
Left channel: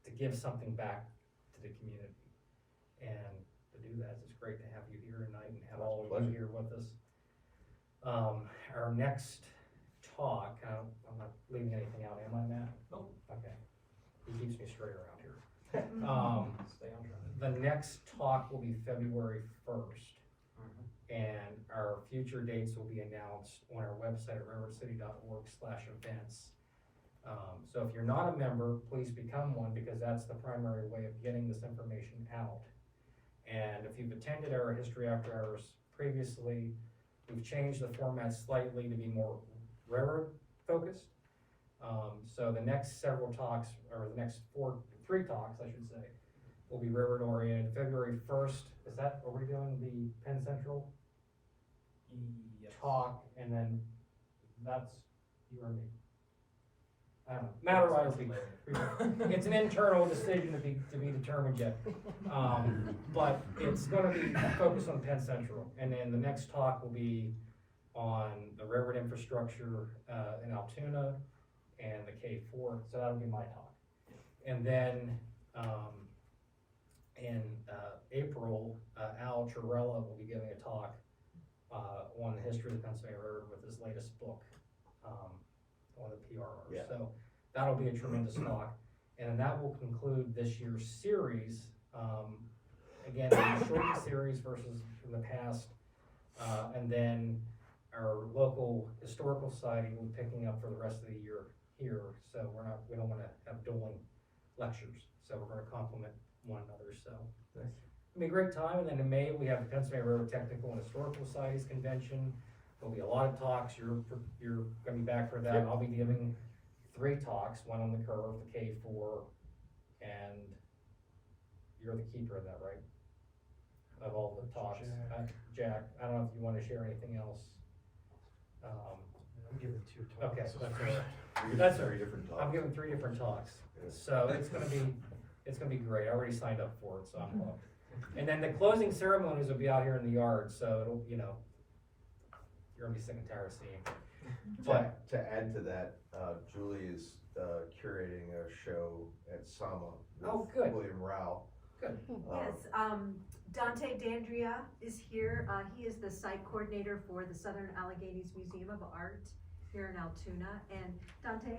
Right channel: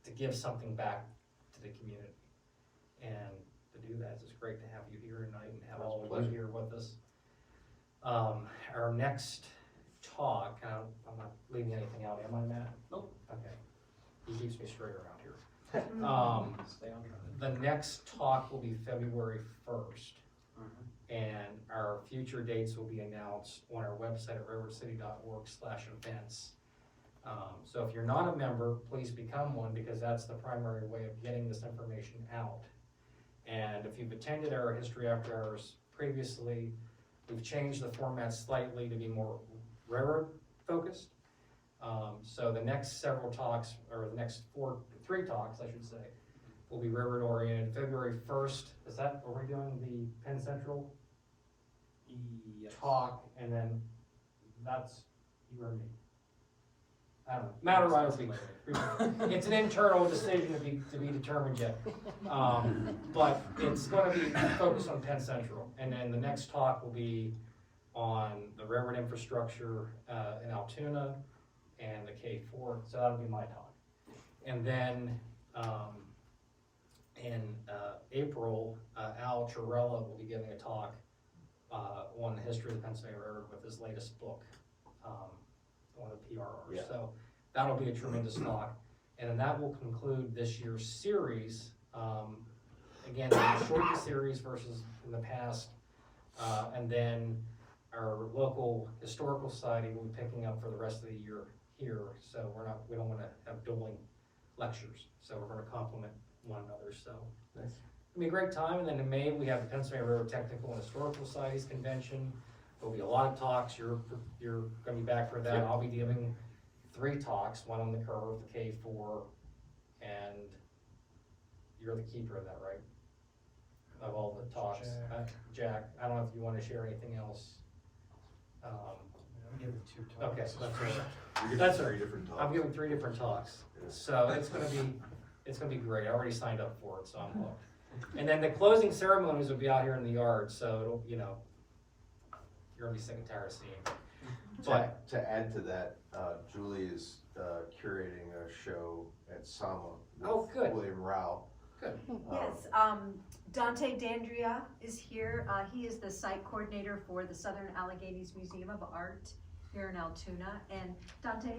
to give something back to the community. And to do that, it's great to have you here tonight and have all of you here with us. Our next talk, I'm not leaving anything out, am I, Matt? Nope. Okay. He keeps me straight around here. Stay on track. The next talk will be February 1st. And our future dates will be announced on our website at railroadcity.org/events. So if you're not a member, please become one, because that's the primary way of getting this information out. And if you've attended our History After Hours previously, we've changed the format slightly to be more railroad focused. So the next several talks, or the next 3 talks, I should say, will be railroad oriented. February 1st, is that, are we doing the Penn Central talk? And then that's you or me. I don't know. Matt or I will be. It's an internal decision to be determined yet. But it's going to be focused on Penn Central. And then the next talk will be on the railroad infrastructure in Altoona and the K4. So that'll be my talk. And then in April, Al Chirella will be giving a talk on the history of the Pennsylvania Railroad with his latest book, on the PRR. Yeah. So that'll be a tremendous talk. And then that will conclude this year's series. Again, a shortened series versus in the past. And then our local historical society will be picking up for the rest of the year here. So we don't want to have dueling lectures. So we're going to complement one another. So Nice. it'll be a great time. And then in May, we have the Pennsylvania Railroad Technical and Historical Societies Convention. There'll be a lot of talks. You're going to be back for that. Yep. I'll be giving 3 talks, one on the curve, the K4, and you're the keeper of that, right? Of all the talks. Jack, I don't know if you want to share anything else. I'm giving 2 talks. Okay, so that's right. You're That's giving right. 3 different talks. I'm giving 3 different talks. Yeah. So it's gonna be great. I already signed up for it, so I'm hooked. And then the closing ceremonies will be out here in the yard, so it'll, you know, you're gonna be sick and tired of seeing it. But To add to that, Julie is curating a show at Sama with good. William Rao. Good. Yes, Dante Dandria is here. He is the site coordinator for the Southern Alleghenies Museum of Art here in Altoona. And Dante,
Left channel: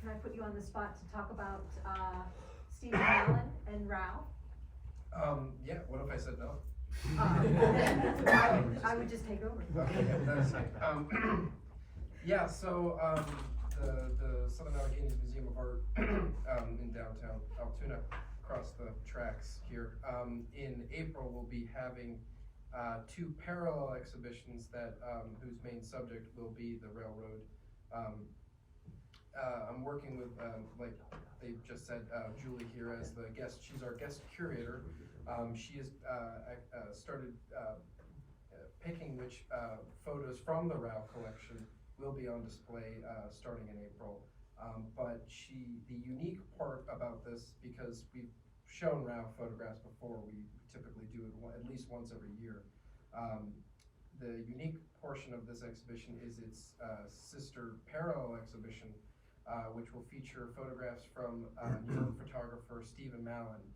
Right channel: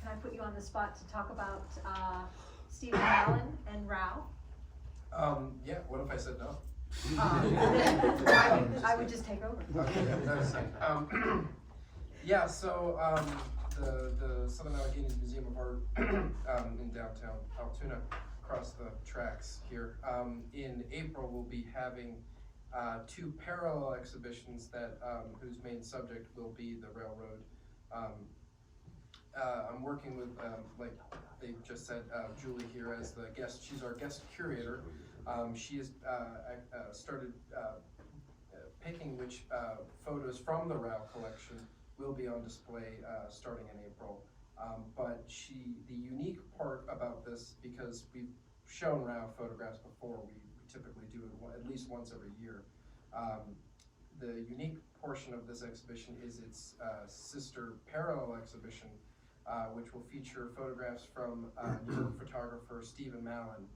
can I put you on the spot to talk about Stephen Allen and Rao? Yeah, what if I said no? I would just take over. Yeah, so, the Southern Alleghenies Museum of Art, in downtown Altoona, across the tracks here, in April, we'll be having, two parallel exhibitions that, whose main subject will be the railroad. I'm working with, like they just said, Julie here as the guest, she's our guest curator. She has, started, picking which, photos from the RAL collection will be on display, starting in April. But the unique part about this, because we've shown RAL photographs before, we typically do it at least once every year. The unique portion of this exhibition is its sister parallel exhibition, which will feature photographs from New York photographer Stephen Mallon.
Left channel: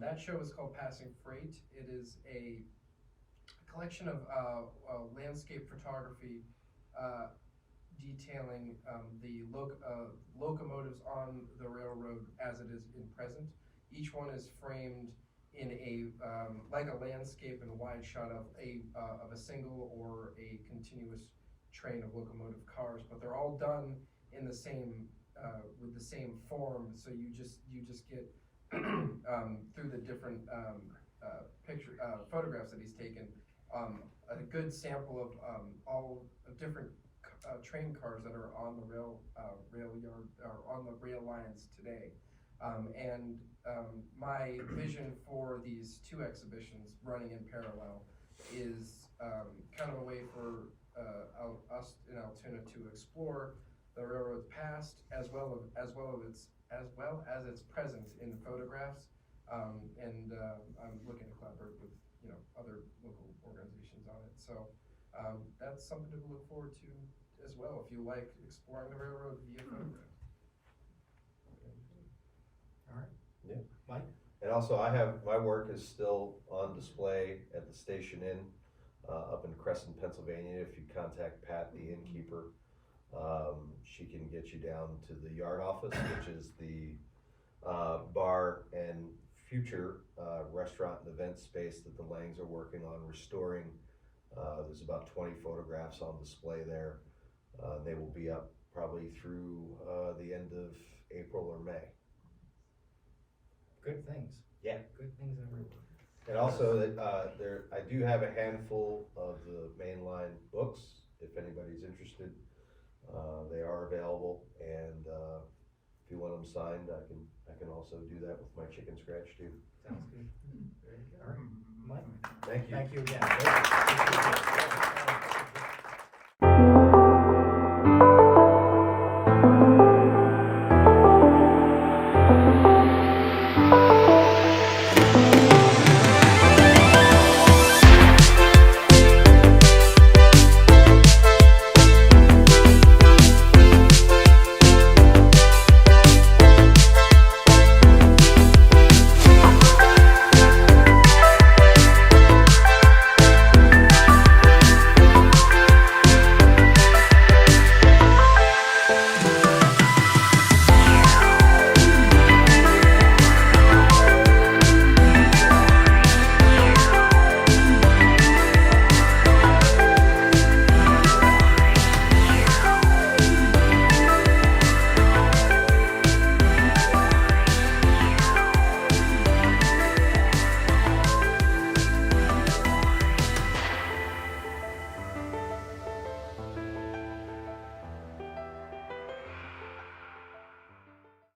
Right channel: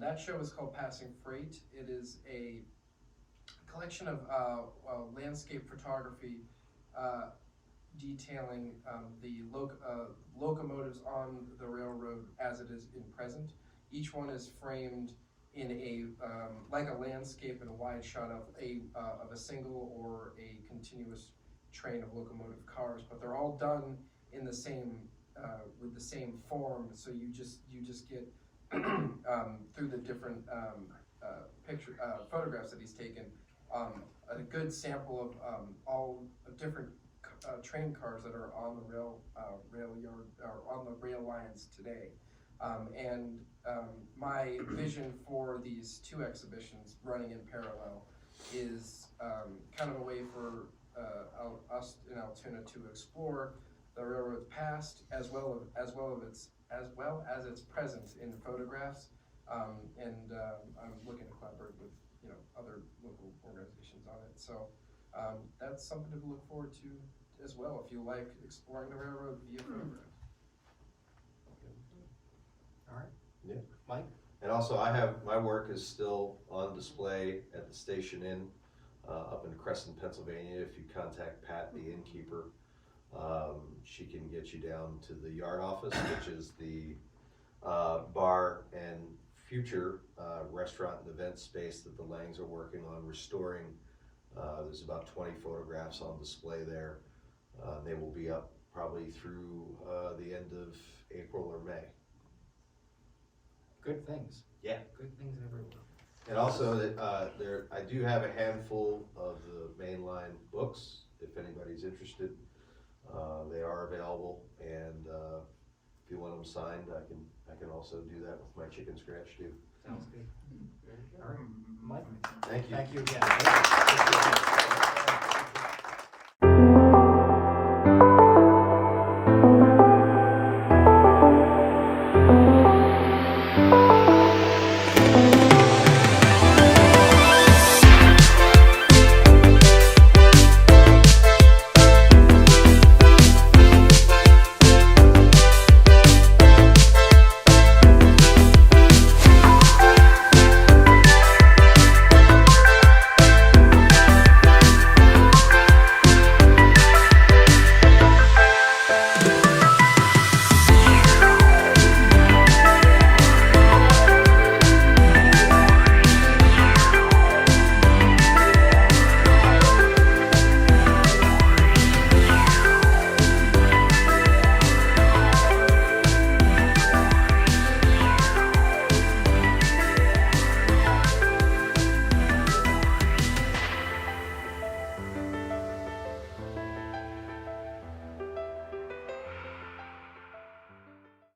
That show is called Passing Freight. It is a collection of landscape photography detailing the locomotives on the railroad as it is in present. Each one is framed in a like a landscape and a wide shot of a single or a continuous train of locomotive cars, but they're all done in the same with the same form. So you just get through the different photographs that he's taken, a good sample of all different train cars that are on the rail yard or on the rail lines today. My vision for these two exhibitions running in parallel is kind of a way for us in Altoona to explore the railroad's past as well as its present in photographs. I'm looking to collaborate with other local organizations on it. So that's something to look forward to as well if you like exploring the railroad via photographs. All right. Yeah. Mike? And also, my work is still on display at the Station Inn up in Crescent, Pennsylvania. If you contact Pat, the innkeeper, she can get you down to the yard office, which is the bar and future restaurant and event space that the Langs are working on restoring. There's about 20 photographs on display there. They will be up probably through the end of April or May. Good things. Yeah. Good things everywhere. And also, I do have a handful of the mainline books. If anybody's interested, they are available. And if you want them signed, I can also do that with my chicken scratch too. Sounds good. All right, Mike? Thank you. Thank you again.